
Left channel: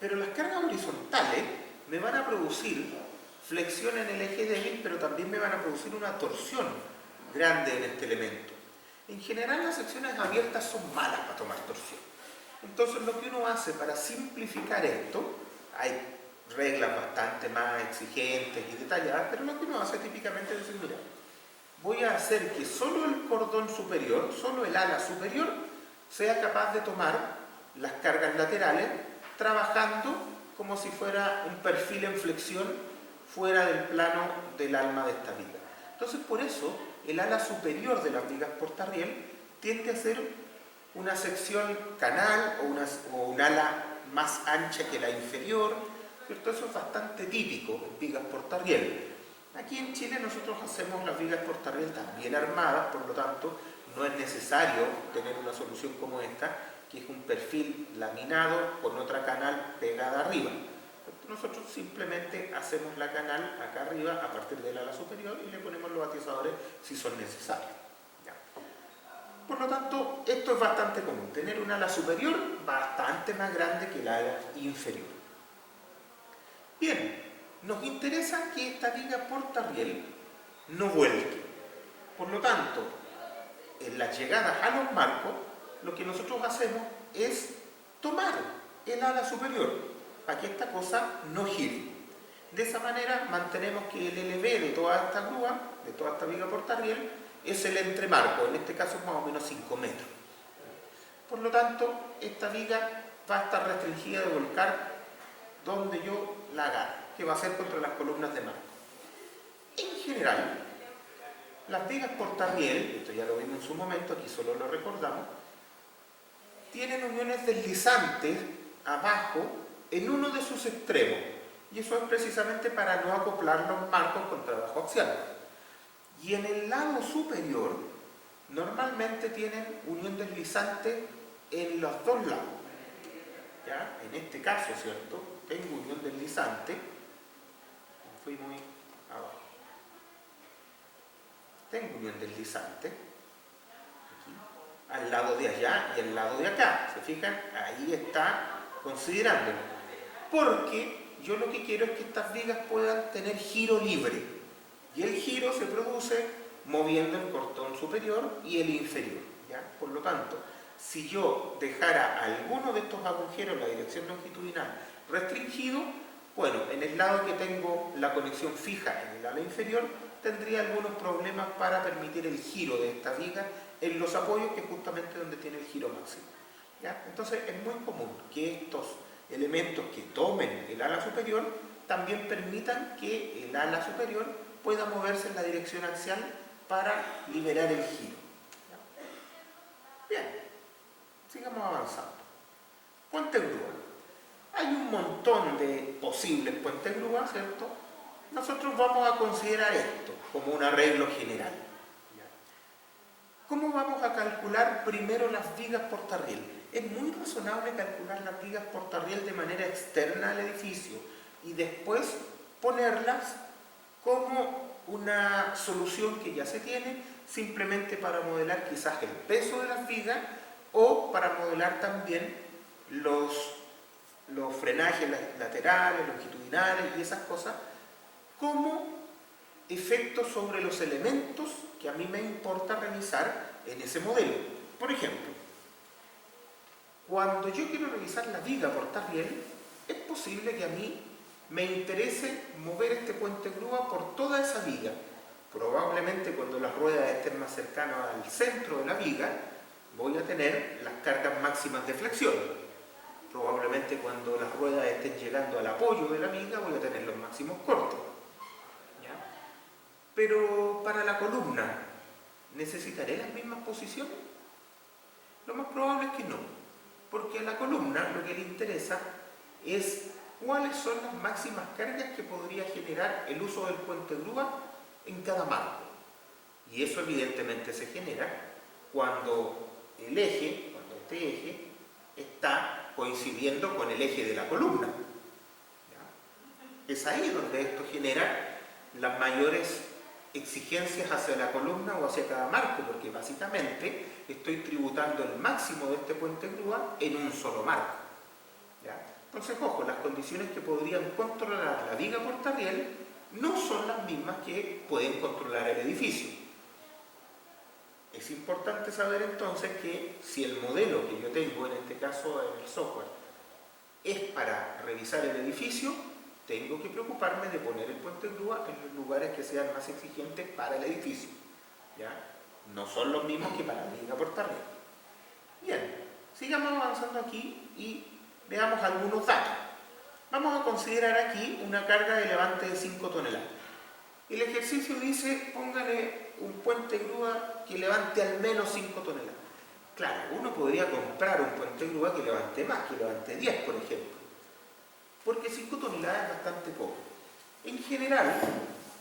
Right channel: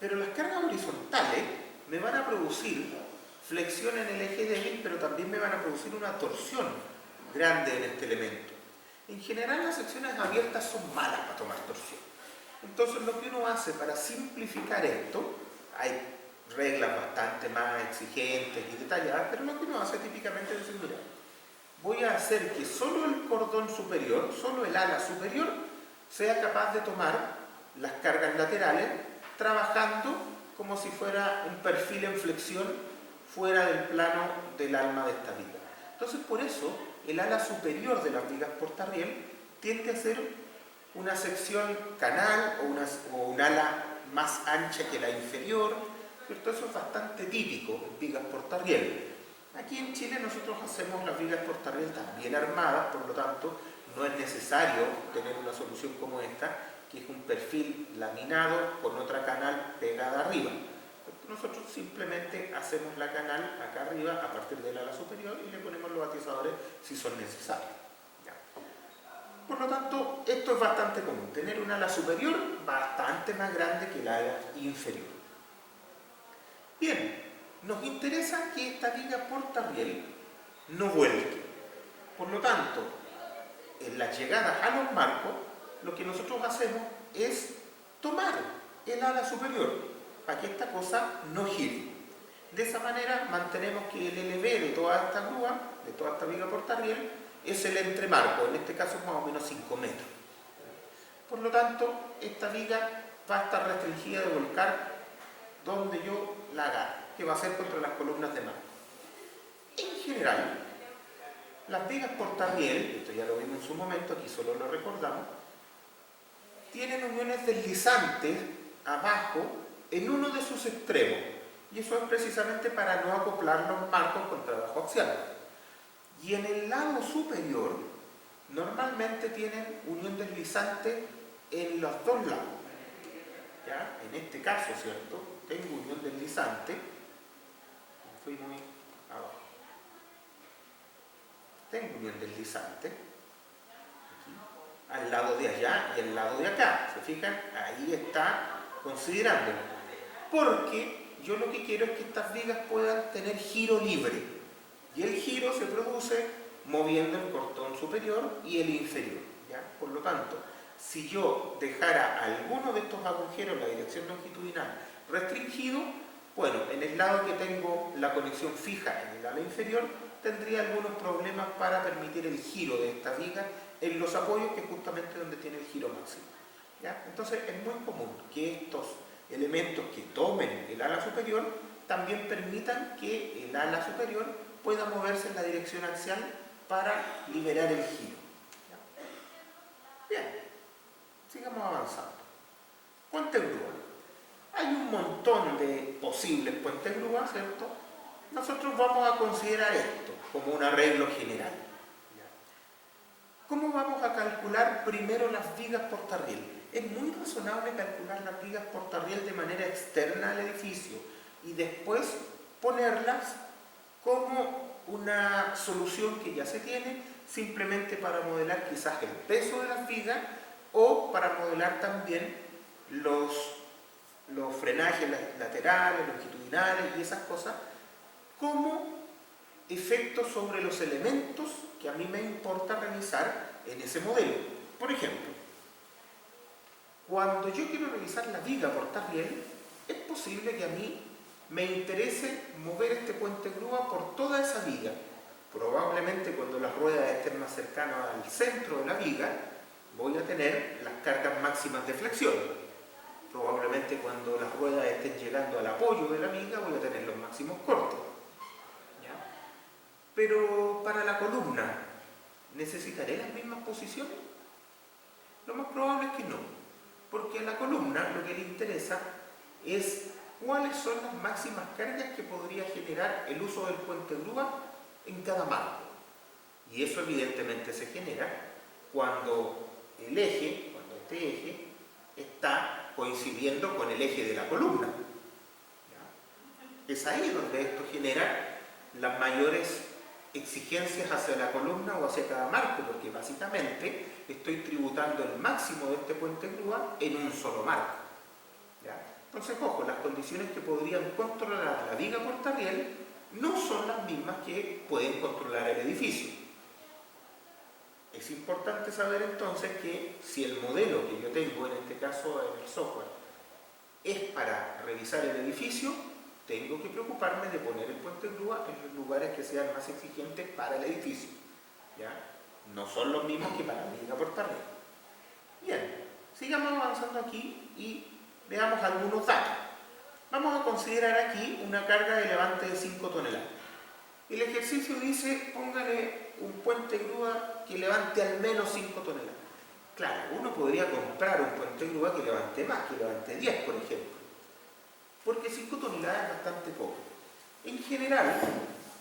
Pero las cargas horizontales me van a producir flexión en el eje débil, pero también me van a producir una torsión grande en este elemento. En general, las secciones abiertas son malas para tomar torsión. Entonces, lo que uno hace para simplificar esto, hay reglas bastante más exigentes y detalladas, pero lo que uno hace típicamente es decir, mira, voy a hacer que solo el cordón superior, solo el ala superior, sea capaz de tomar las cargas laterales trabajando como si fuera un perfil en flexión fuera del plano del alma de esta viga. Entonces, por eso, el ala superior de las vigas portarriel tiende a ser una sección canal o un ala más ancha que la inferior, ¿cierto? Eso es bastante típico en vigas portarriel. Aquí en Chile nosotros hacemos las vigas portarriel también armadas, por lo tanto no es necesario tener una solución como esta, que es un perfil laminado con otra canal pegada arriba. Nosotros simplemente hacemos la canal acá arriba a partir del ala superior y le ponemos los atizadores si son necesarios. Por lo tanto, esto es bastante común, tener un ala superior bastante más grande que el ala inferior. Bien, nos interesa que esta viga portarriel no vuelque. Por lo tanto, en las llegadas a los marcos, lo que nosotros hacemos es tomar el ala superior para que esta cosa no gire. De esa manera mantenemos que el LV de toda esta grúa, de toda esta viga portarriel, es el entremarco, en este caso más o menos 5 metros. Por lo tanto, esta viga va a estar restringida de volcar donde yo la agarre, que va a ser contra las columnas de marco. En general, las vigas portarriel, esto ya lo vimos en su momento, aquí solo lo recordamos, tienen uniones deslizantes abajo en uno de sus extremos, y eso es precisamente para no acoplar los marcos con trabajo axial. Y en el lado superior, normalmente tienen unión deslizante en los dos lados. ¿Ya? En este caso, ¿cierto? Tengo unión deslizante, fui muy abajo. Tengo unión deslizante, aquí, al lado de allá y al lado de acá. ¿Se fijan? Ahí está considerándolo. Porque yo lo que quiero es que estas vigas puedan tener giro libre. Y el giro se produce moviendo el cordón superior y el inferior. ¿Ya? Por lo tanto, si yo dejara alguno de estos agujeros en la dirección longitudinal restringido, bueno, en el lado que tengo la conexión fija en el ala inferior, tendría algunos problemas para permitir el giro de esta viga en los apoyos, que es justamente donde tiene el giro máximo. ¿Ya? Entonces es muy común que estos elementos que tomen el ala superior también permitan que el ala superior pueda moverse en la dirección axial para liberar el giro. ¿Ya? Bien, sigamos avanzando. Puente grúa. Hay un montón de posibles puentes grúa, ¿cierto? Nosotros vamos a considerar esto como un arreglo general. ¿Ya? ¿Cómo vamos a calcular primero las vigas portarriel? Es muy razonable calcular las vigas portarriel de manera externa al edificio y después ponerlas como una solución que ya se tiene, simplemente para modelar quizás el peso de las vigas o para modelar también los frenajes laterales, longitudinales y esas cosas, como efectos sobre los elementos que a mí me importa revisar en ese modelo. Por ejemplo, cuando yo quiero revisar la viga portarriel, es posible que a mí me interese mover este puente grúa por toda esa viga. Probablemente cuando las ruedas estén más cercanas al centro de la viga, voy a tener las cargas máximas de flexión. Probablemente cuando las ruedas estén llegando al apoyo de la viga, voy a tener los máximos cortes. ¿Ya? Pero para la columna, ¿necesitaré las mismas posiciones? Lo más probable es que no, porque a la columna lo que le interesa es cuáles son las máximas cargas que podría generar el uso del puente grúa en cada marco. Y eso evidentemente se genera cuando el eje, cuando este eje está coincidiendo con el eje de la columna. ¿Ya? Es ahí donde esto genera las mayores exigencias hacia la columna o hacia cada marco, porque básicamente estoy tributando el máximo de este puente grúa en un solo marco. ¿Ya? Entonces, ojo, las condiciones que podrían controlar la viga portarriel no son las mismas que pueden controlar el edificio. Es importante saber entonces que si el modelo que yo tengo, en este caso en el software, es para revisar el edificio, tengo que preocuparme de poner el puente grúa en los lugares que sean más exigentes para el edificio. ¿Ya? No son los mismos que para la viga portarriel. Bien, sigamos avanzando aquí y veamos algunos datos. Vamos a considerar aquí una carga de levante de 5 toneladas. El ejercicio dice, póngale un puente grúa que levante al menos 5 toneladas. Claro, uno podría comprar un puente grúa que levante más, que levante 10, por ejemplo. Porque 5 toneladas es bastante poco. En general,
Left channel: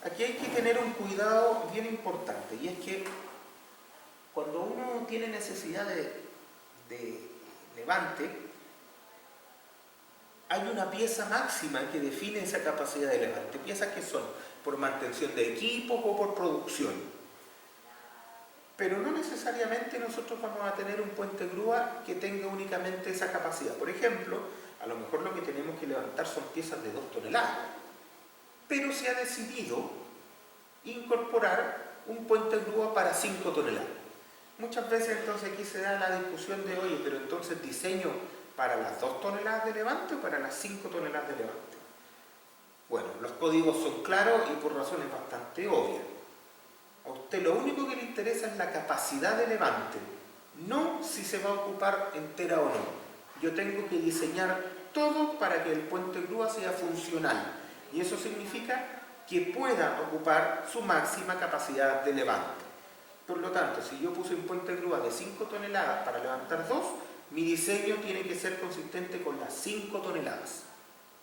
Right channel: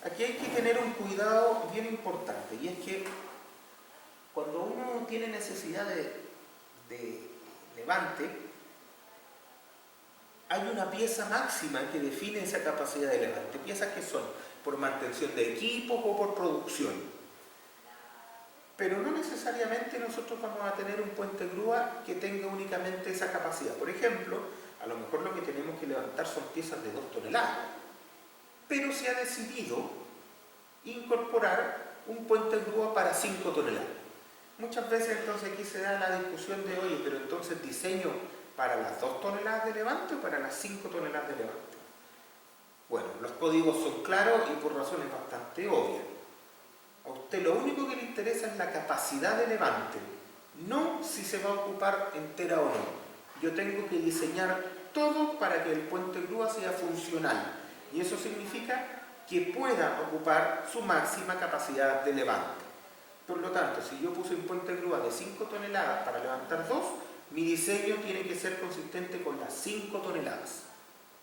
aquí hay que tener un cuidado bien importante, y es que cuando uno tiene necesidad de levante, hay una pieza máxima que define esa capacidad de levante. Piezas que son por mantención de equipos o por producción. Pero no necesariamente nosotros vamos a tener un puente grúa que tenga únicamente esa capacidad. Por ejemplo, a lo mejor lo que tenemos que levantar son piezas de 2 toneladas. Pero se ha decidido incorporar un puente grúa para 5 toneladas. Muchas veces entonces aquí se da la discusión de, oye, pero entonces diseño para las 2 toneladas de levante o para las 5 toneladas de levante. Bueno, los códigos son claros y por razones bastante obvias. A usted lo único que le interesa es la capacidad de levante, no si se va a ocupar entera o no. Yo tengo que diseñar todo para que el puente grúa sea funcional, y eso significa que pueda ocupar su máxima capacidad de levante. Por lo tanto, si yo puse un puente grúa de 5 toneladas para levantar 2, mi diseño tiene que ser consistente con las 5 toneladas.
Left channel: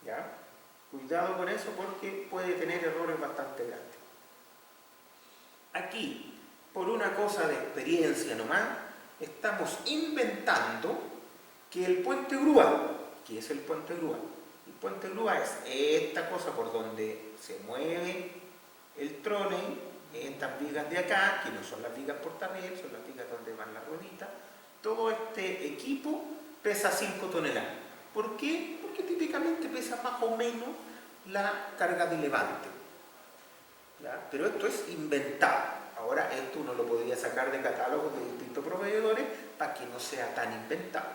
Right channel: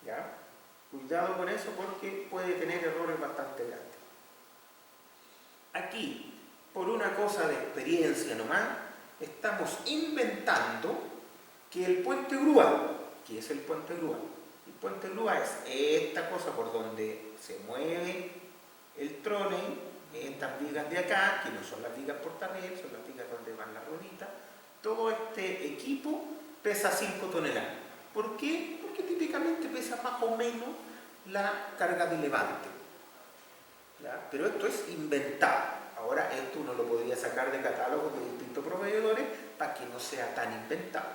¿Ya? Cuidado con eso porque puede tener errores bastante grandes. Aquí, por una cosa de experiencia nomás, estamos inventando que el puente grúa, ¿qué es el puente grúa? El puente grúa es esta cosa por donde se mueve el trolley, estas vigas de acá, que no son las vigas portarriel, son las vigas donde van las rueditas. Todo este equipo pesa 5 toneladas. ¿Por qué? Porque típicamente pesa más o menos la carga de levante. ¿Ya? Pero esto es inventado. Ahora esto uno lo podría sacar de catálogos de distintos proveedores para que no sea tan inventado.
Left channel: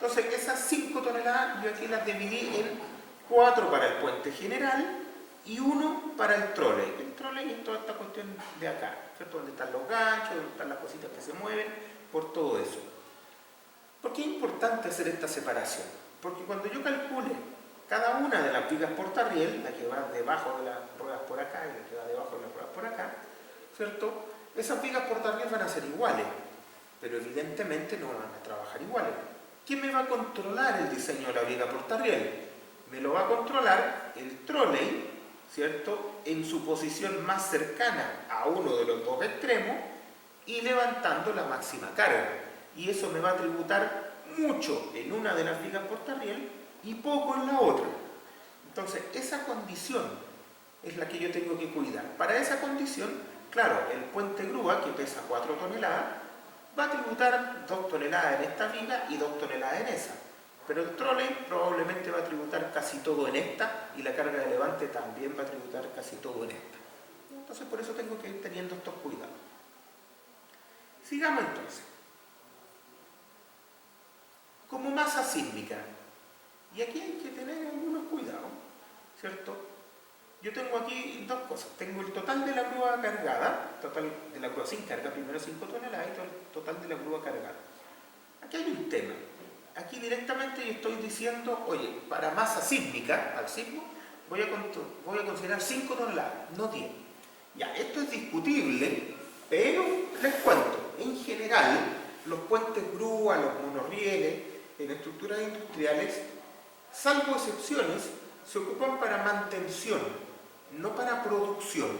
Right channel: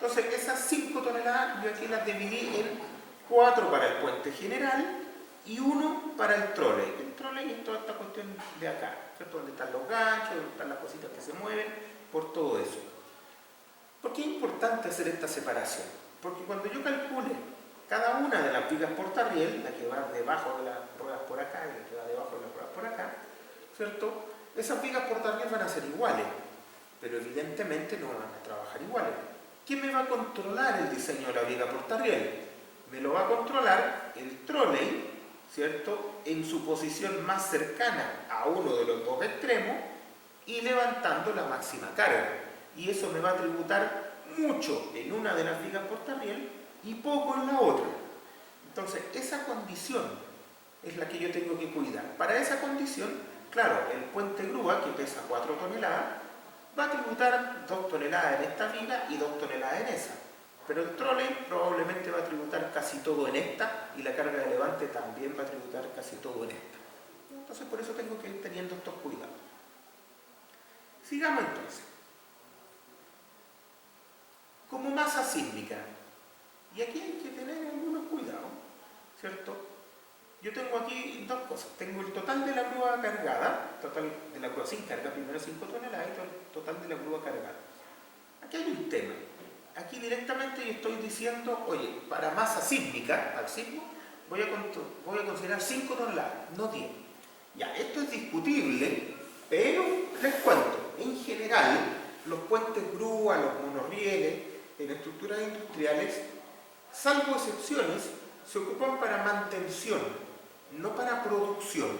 Entonces esas 5 toneladas yo aquí las dividí en 4 para el puente general y 1 para el trolley. El trolley es toda esta cuestión de acá, ¿cierto? Donde están los ganchos, donde están las cositas que se mueven, por todo eso. ¿Por qué es importante hacer esta separación? Porque cuando yo calcule cada una de las vigas portarriel, la que va debajo de las ruedas por acá y la que va debajo de las ruedas por acá, ¿cierto? Esas vigas portarriel van a ser iguales, pero evidentemente no van a trabajar iguales. ¿Quién me va a controlar el diseño de la viga portarriel? Me lo va a controlar el trolley, ¿cierto? En su posición más cercana a uno de los dos extremos y levantando la máxima carga. Y eso me va a tributar mucho en una de las vigas portarriel y poco en la otra. Entonces, esa condición es la que yo tengo que cuidar. Para esa condición, claro, el puente grúa, que pesa 4 toneladas, va a tributar 2 toneladas en esta viga y 2 toneladas en esa. Pero el trolley probablemente va a tributar casi todo en esta y la carga de levante también va a tributar casi todo en esta. Entonces, por eso tengo que ir teniendo estos cuidados. Sigamos entonces. Como masa sísmica. Y aquí hay que tener algunos cuidados, ¿cierto? Yo tengo aquí dos cosas. Tengo el total de la grúa cargada, total de la grúa sin carga, primero 5 toneladas, y el total de la grúa cargada. Aquí hay un tema. Aquí directamente yo estoy diciendo, oye, para masa sísmica, al sismo, voy a considerar 5 toneladas, no 10. Ya, esto es discutible, pero les cuento. En general, los puentes grúa, los monorrieles, en estructuras industriales, salvo excepciones, se ocupan para mantención, no para producción.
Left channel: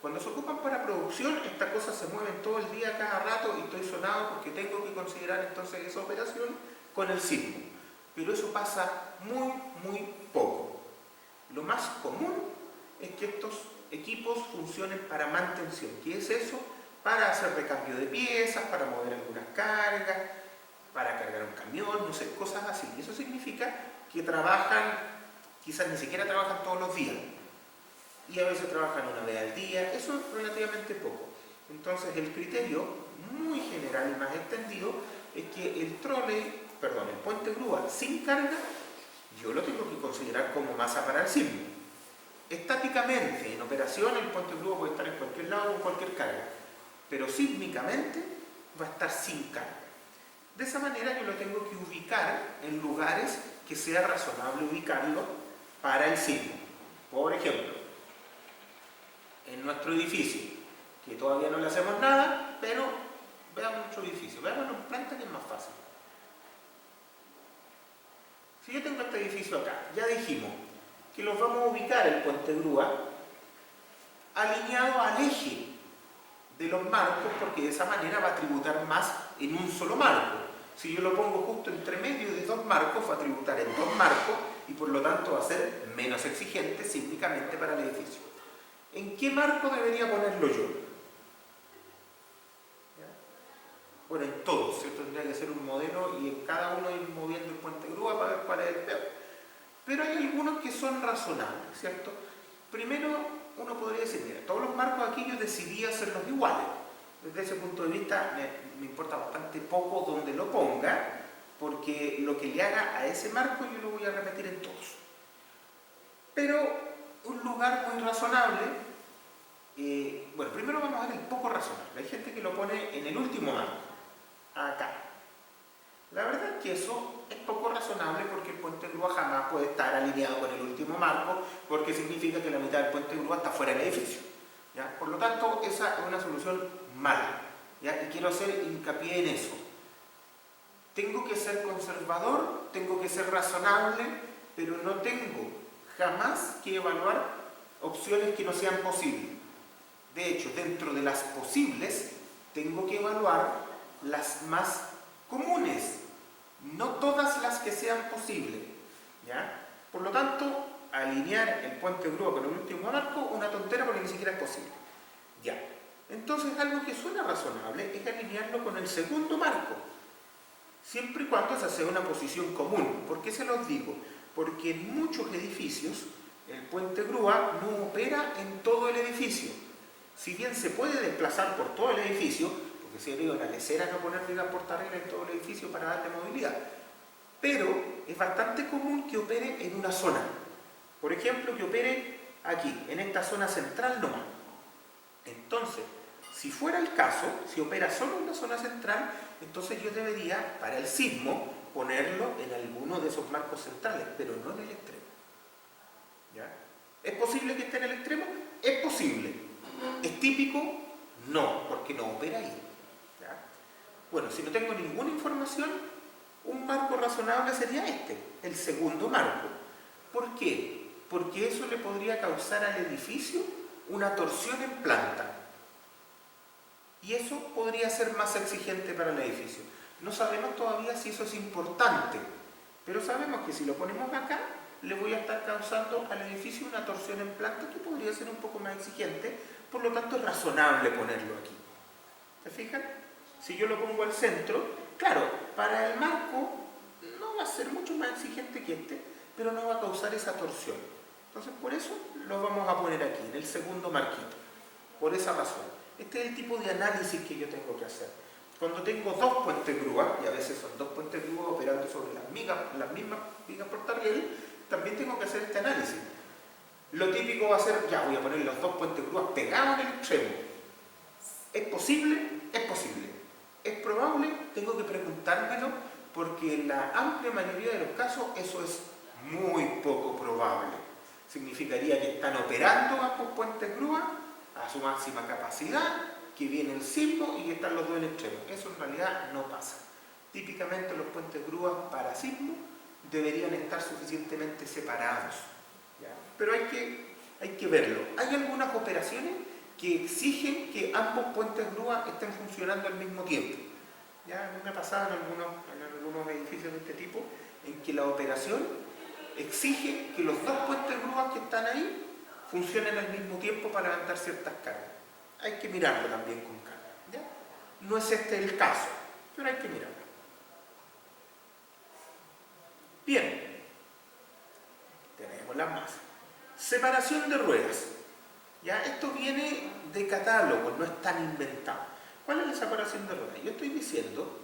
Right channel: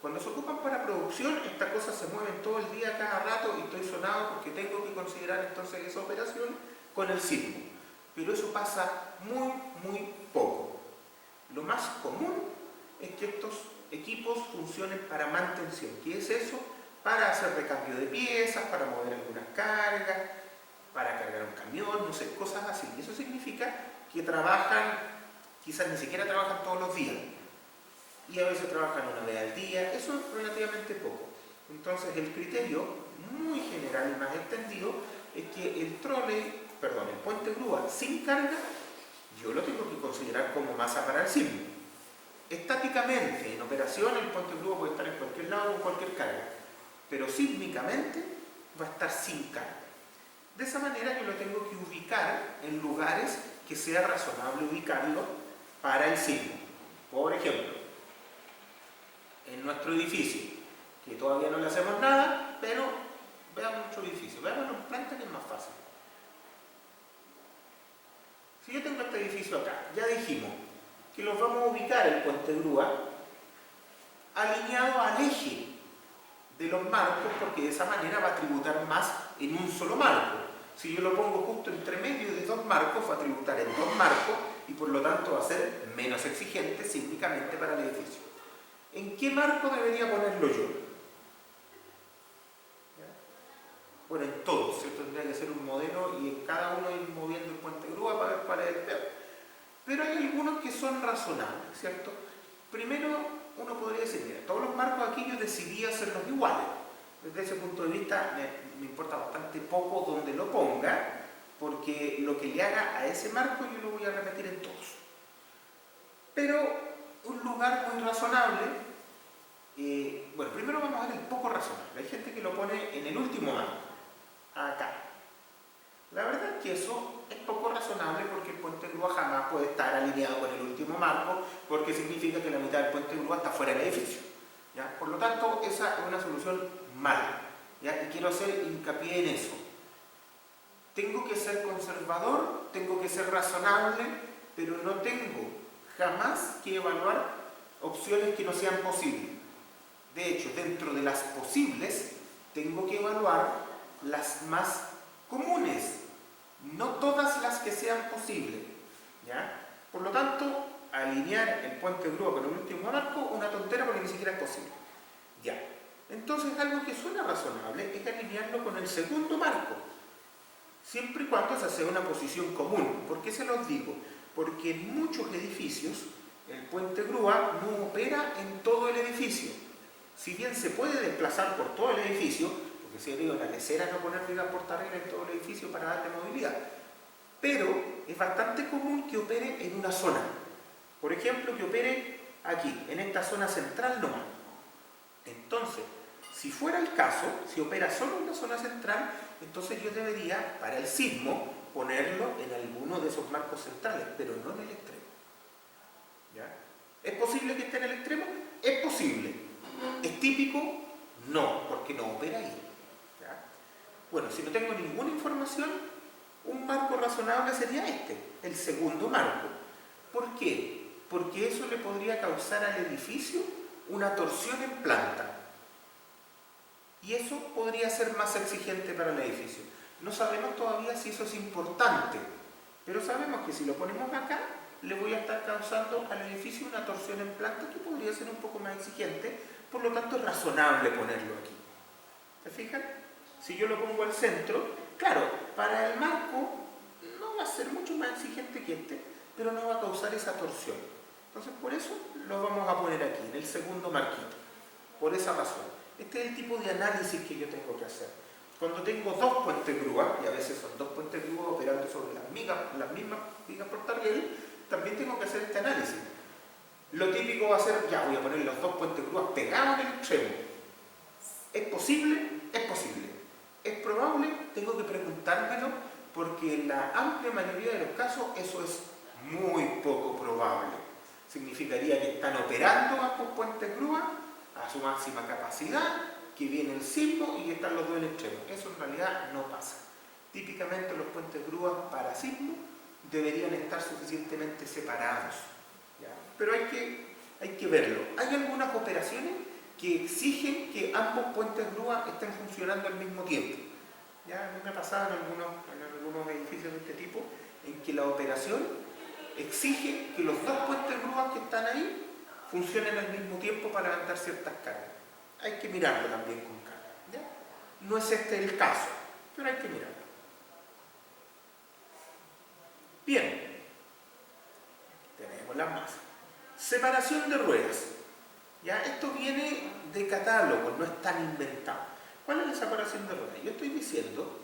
Cuando se ocupan para producción, estas cosas se mueven todo el día, cada rato, y estoy sonado porque tengo que considerar entonces esa operación con el sismo. Pero eso pasa muy, muy poco. Lo más común es que estos equipos funcionen para mantención. ¿Qué es eso? Para hacer recambio de piezas, para mover algunas cargas, para cargar un camión, no sé, cosas así. Y eso significa que trabajan, quizás ni siquiera trabajan todos los días. Y a veces trabajan una vez al día, eso es relativamente poco. Entonces el criterio muy general y más extendido es que el puente grúa sin carga, yo lo tengo que considerar como masa para el sismo. Estáticamente, en operación, el puente grúa puede estar en cualquier lado con cualquier carga, pero sísmicamente va a estar sin carga. De esa manera yo lo tengo que ubicar en lugares que sea razonable ubicarlo para el sismo. Por ejemplo, en nuestro edificio, que todavía no le hacemos nada, pero veamos nuestro edificio, veámoslo en planta que es más fácil. Si yo tengo este edificio acá, ya dijimos que los vamos a ubicar el puente grúa alineado al eje de los marcos, porque de esa manera va a tributar más en un solo marco. Si yo lo pongo justo entre medio de dos marcos, va a tributar en dos marcos y por lo tanto va a ser menos exigente sísmicamente para el edificio. ¿En qué marco debería ponerlo yo? ¿Ya? Bueno, en todos, ¿cierto? Tendría que ser un modelo y en cada uno ir moviendo el puente grúa para ver cuál es el peor. Pero hay algunos que son razonables, ¿cierto? Primero, uno podría decir, mira, todos los marcos aquí yo decidí hacerlos iguales. Desde ese punto de vista me importa bastante poco donde lo ponga, porque lo que le haga a ese marco yo lo voy a repetir en todos. Pero un lugar muy razonable, bueno, primero vamos a ver el poco razonable. Hay gente que lo pone en el último marco, acá. La verdad es que eso es poco razonable porque el puente grúa jamás puede estar alineado con el último marco, porque significa que la mitad del puente grúa está fuera del edificio. ¿Ya? Por lo tanto, esa es una solución mala. ¿Ya? Y quiero hacer hincapié en eso. Tengo que ser conservador, tengo que ser razonable, pero no tengo jamás que evaluar opciones que no sean posibles. De hecho, dentro de las posibles, tengo que evaluar las más comunes, no todas las que sean posibles. ¿Ya? Por lo tanto, alinear el puente grúa con el último marco, una tontera porque ni siquiera es posible. Ya. Entonces, algo que suena razonable es alinearlo con el segundo marco, siempre y cuando esa sea una posición común. ¿Por qué se los digo? Porque en muchos edificios el puente grúa no opera en todo el edificio. Si bien se puede desplazar por todo el edificio, porque si yo digo, la lecera no poner vigas portarreglas en todo el edificio para darle movilidad, pero es bastante común que opere en una zona. Por ejemplo, que opere aquí, en esta zona central nomás. Entonces, si fuera el caso, si opera solo en la zona central, entonces yo debería, para el sismo, ponerlo en alguno de esos marcos centrales, pero no en el extremo. ¿Ya? ¿Es posible que esté en el extremo? Es posible. ¿Es típico? No, porque no opera ahí. ¿Ya? Bueno, si no tengo ninguna información, un marco razonable sería este, el segundo marco. ¿Por qué? Porque eso le podría causar al edificio una torsión en planta. Y eso podría ser más exigente para el edificio. No sabemos todavía si eso es importante, pero sabemos que si lo ponemos acá, le voy a estar causando al edificio una torsión en planta que podría ser un poco más exigente, por lo tanto es razonable ponerlo aquí. ¿Se fijan? Si yo lo pongo al centro, claro, para el marco no va a ser mucho más exigente que este, pero no va a causar esa torsión. Entonces por eso lo vamos a poner aquí, en el segundo marquito, por esa razón. Este es el tipo de análisis que yo tengo que hacer. Cuando tengo dos puentes grúa, y a veces son dos puentes grúa operando sobre las mismas vigas portarriel, también tengo que hacer este análisis. Lo típico va a ser, ya voy a poner los dos puentes grúa pegados en el extremo. ¿Es posible? Es posible. ¿Es probable? Tengo que preguntármelo, porque en la amplia mayoría de los casos eso es muy poco probable. Significaría que están operando ambos puentes grúa a su máxima capacidad, que viene el sismo y que están los dos en extremo. Eso en realidad no pasa. Típicamente los puentes grúas para sismo deberían estar suficientemente separados. ¿Ya? Pero hay que verlo. Hay algunas operaciones que exigen que ambos puentes grúa estén funcionando al mismo tiempo. ¿Ya? A mí me ha pasado en algunos edificios de este tipo, en que la operación exige que los dos puentes grúa que están ahí funcionen al mismo tiempo para levantar ciertas cargas. Hay que mirarlo también con calma. ¿Ya? No es este el caso, pero hay que mirarlo. Bien, tenemos las masas. Separación de ruedas. ¿Ya? Esto viene de catálogo, no es tan inventado. ¿Cuál es la separación de ruedas? Yo estoy diciendo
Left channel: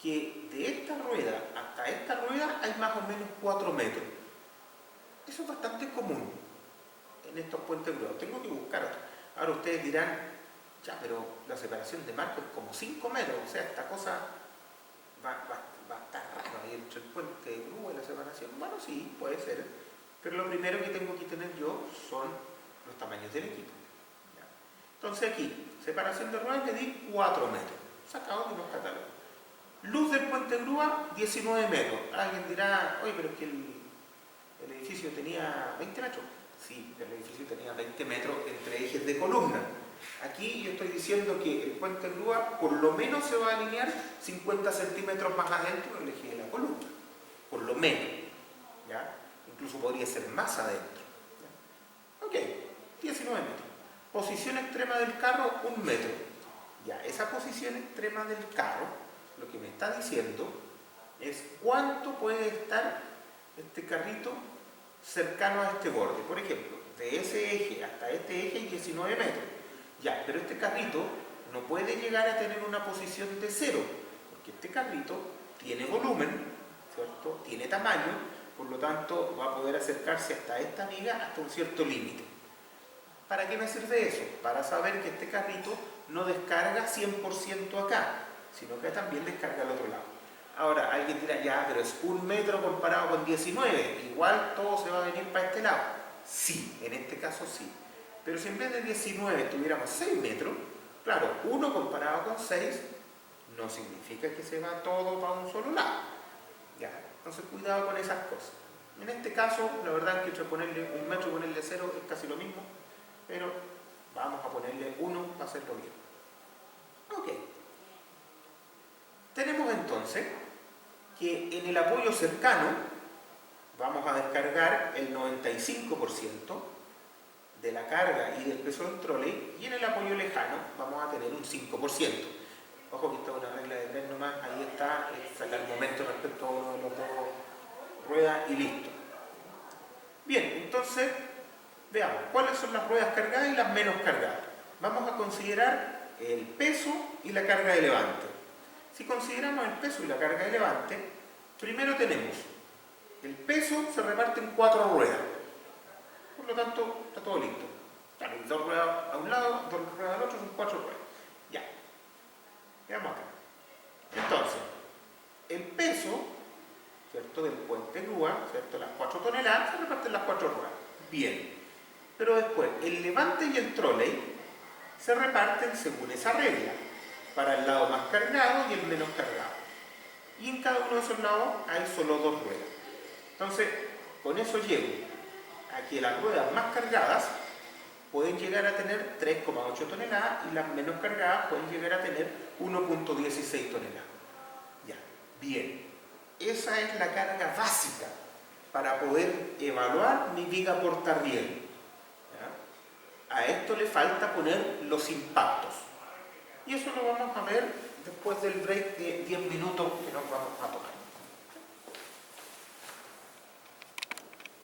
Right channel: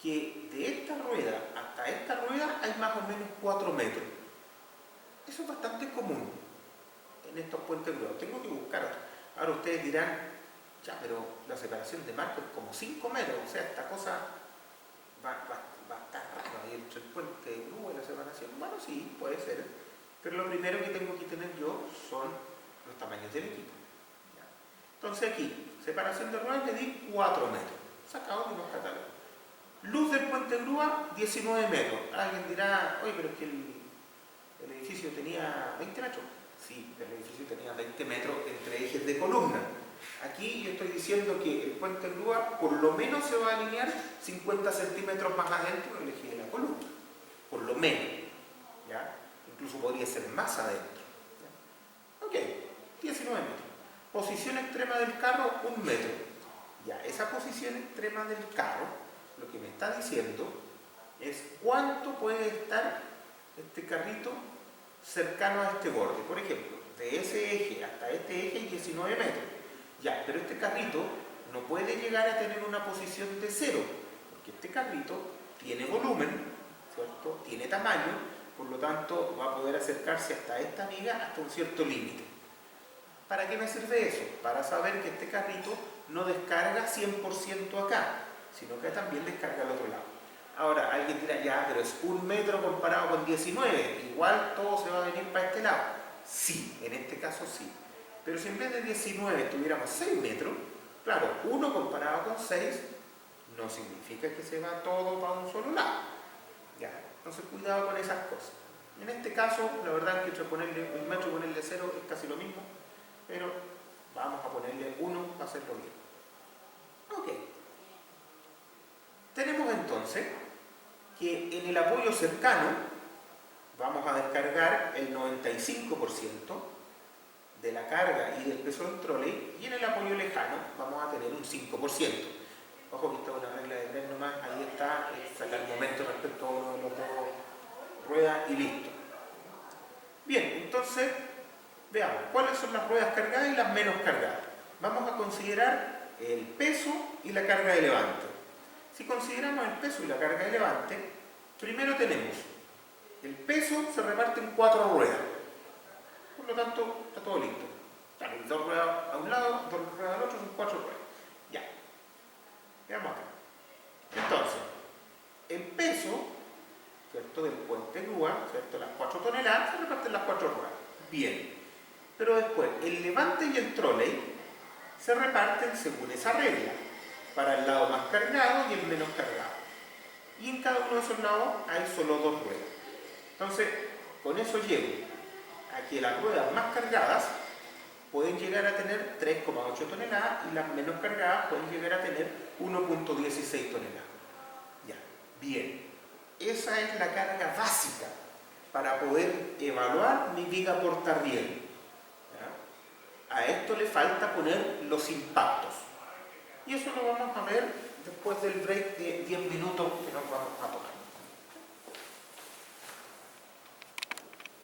que de esta rueda hasta esta rueda hay más o menos 4 metros. Eso es bastante común en estos puentes grúa. Tengo que buscar otro. Ahora ustedes dirán, ya, pero la separación de marco es como 5 metros, o sea, esta cosa va a estar raro ahí entre el puente de grúa y la separación. Bueno, sí, puede ser, pero lo primero que tengo que tener yo son los tamaños del equipo. ¿Ya? Entonces aquí, separación de ruedas, le di 4 metros, sacado de unos catálogos. Luz del puente grúa, 19 metros. Alguien dirá, oye, pero es que el edificio tenía 20 metros. Sí, el edificio tenía 20 metros entre ejes de columna. Aquí yo estoy diciendo que el puente grúa por lo menos se va a alinear 50 centímetros más adentro del eje de la columna. Por lo menos. ¿Ya? Incluso podría ser más adentro. ¿Ya? Ok, 19 metros. Posición extrema del carro, 1 metro. Ya, esa posición extrema del carro, lo que me está diciendo es cuánto puede estar este carrito cercano a este borde. Por ejemplo, de ese eje hasta este eje hay 19 metros. Ya, pero este carrito no puede llegar a tener una posición de 0, porque este carrito tiene volumen, ¿cierto? Tiene tamaño, por lo tanto va a poder acercarse hasta esta viga hasta un cierto límite. ¿Para qué me sirve eso? Para saber que este carrito no descarga 100% acá, sino que también descarga al otro lado. Ahora, alguien dirá, ya, pero es 1 metro comparado con 19, igual todo se va a venir para este lado. Sí, en este caso sí. Pero si en vez de 19 tuviéramos 6 metros, claro, 1 comparado con 6 no significa que se va todo para un solo lado. Ya, entonces cuidado con esas cosas. En este caso, la verdad es que entre ponerle 1 metro y ponerle 0 es casi lo mismo, pero vamos a ponerle 1 para hacerlo bien. Ok. Tenemos entonces que en el apoyo cercano vamos a descargar el 95% de la carga y del peso del troley, y en el apoyo lejano vamos a tener un 5%. Ojo que esta es una regla de 3 nomás, ahí está, sacar el momento respecto a uno de los dos ruedas y listo. Bien, entonces veamos cuáles son las ruedas cargadas y las menos cargadas. Vamos a considerar el peso y la carga de levante. Si consideramos el peso y la carga de levante, primero tenemos el peso se reparte en 4 ruedas. Por lo tanto, está todo listo. Claro, 2 ruedas a un lado, 2 ruedas al otro, son 4 ruedas. Ya. Veamos acá. Entonces, el peso, ¿cierto?, del puente grúa, ¿cierto?, las 4 toneladas, se reparten las 4 ruedas. Bien. Pero después, el levante y el troley se reparten según esa regla, para el lado más cargado y el menos cargado. Y en cada uno de esos lados hay solo 2 ruedas. Entonces, con eso llego a que las ruedas más cargadas pueden llegar a tener 3,8 toneladas y las menos cargadas pueden llegar a tener 1,16 toneladas. Ya, bien. Esa es la carga básica para poder evaluar mi viga portarriel. A esto le falta poner los impactos. Y eso lo vamos a ver después del break de 10 minutos que nos vamos a tomar.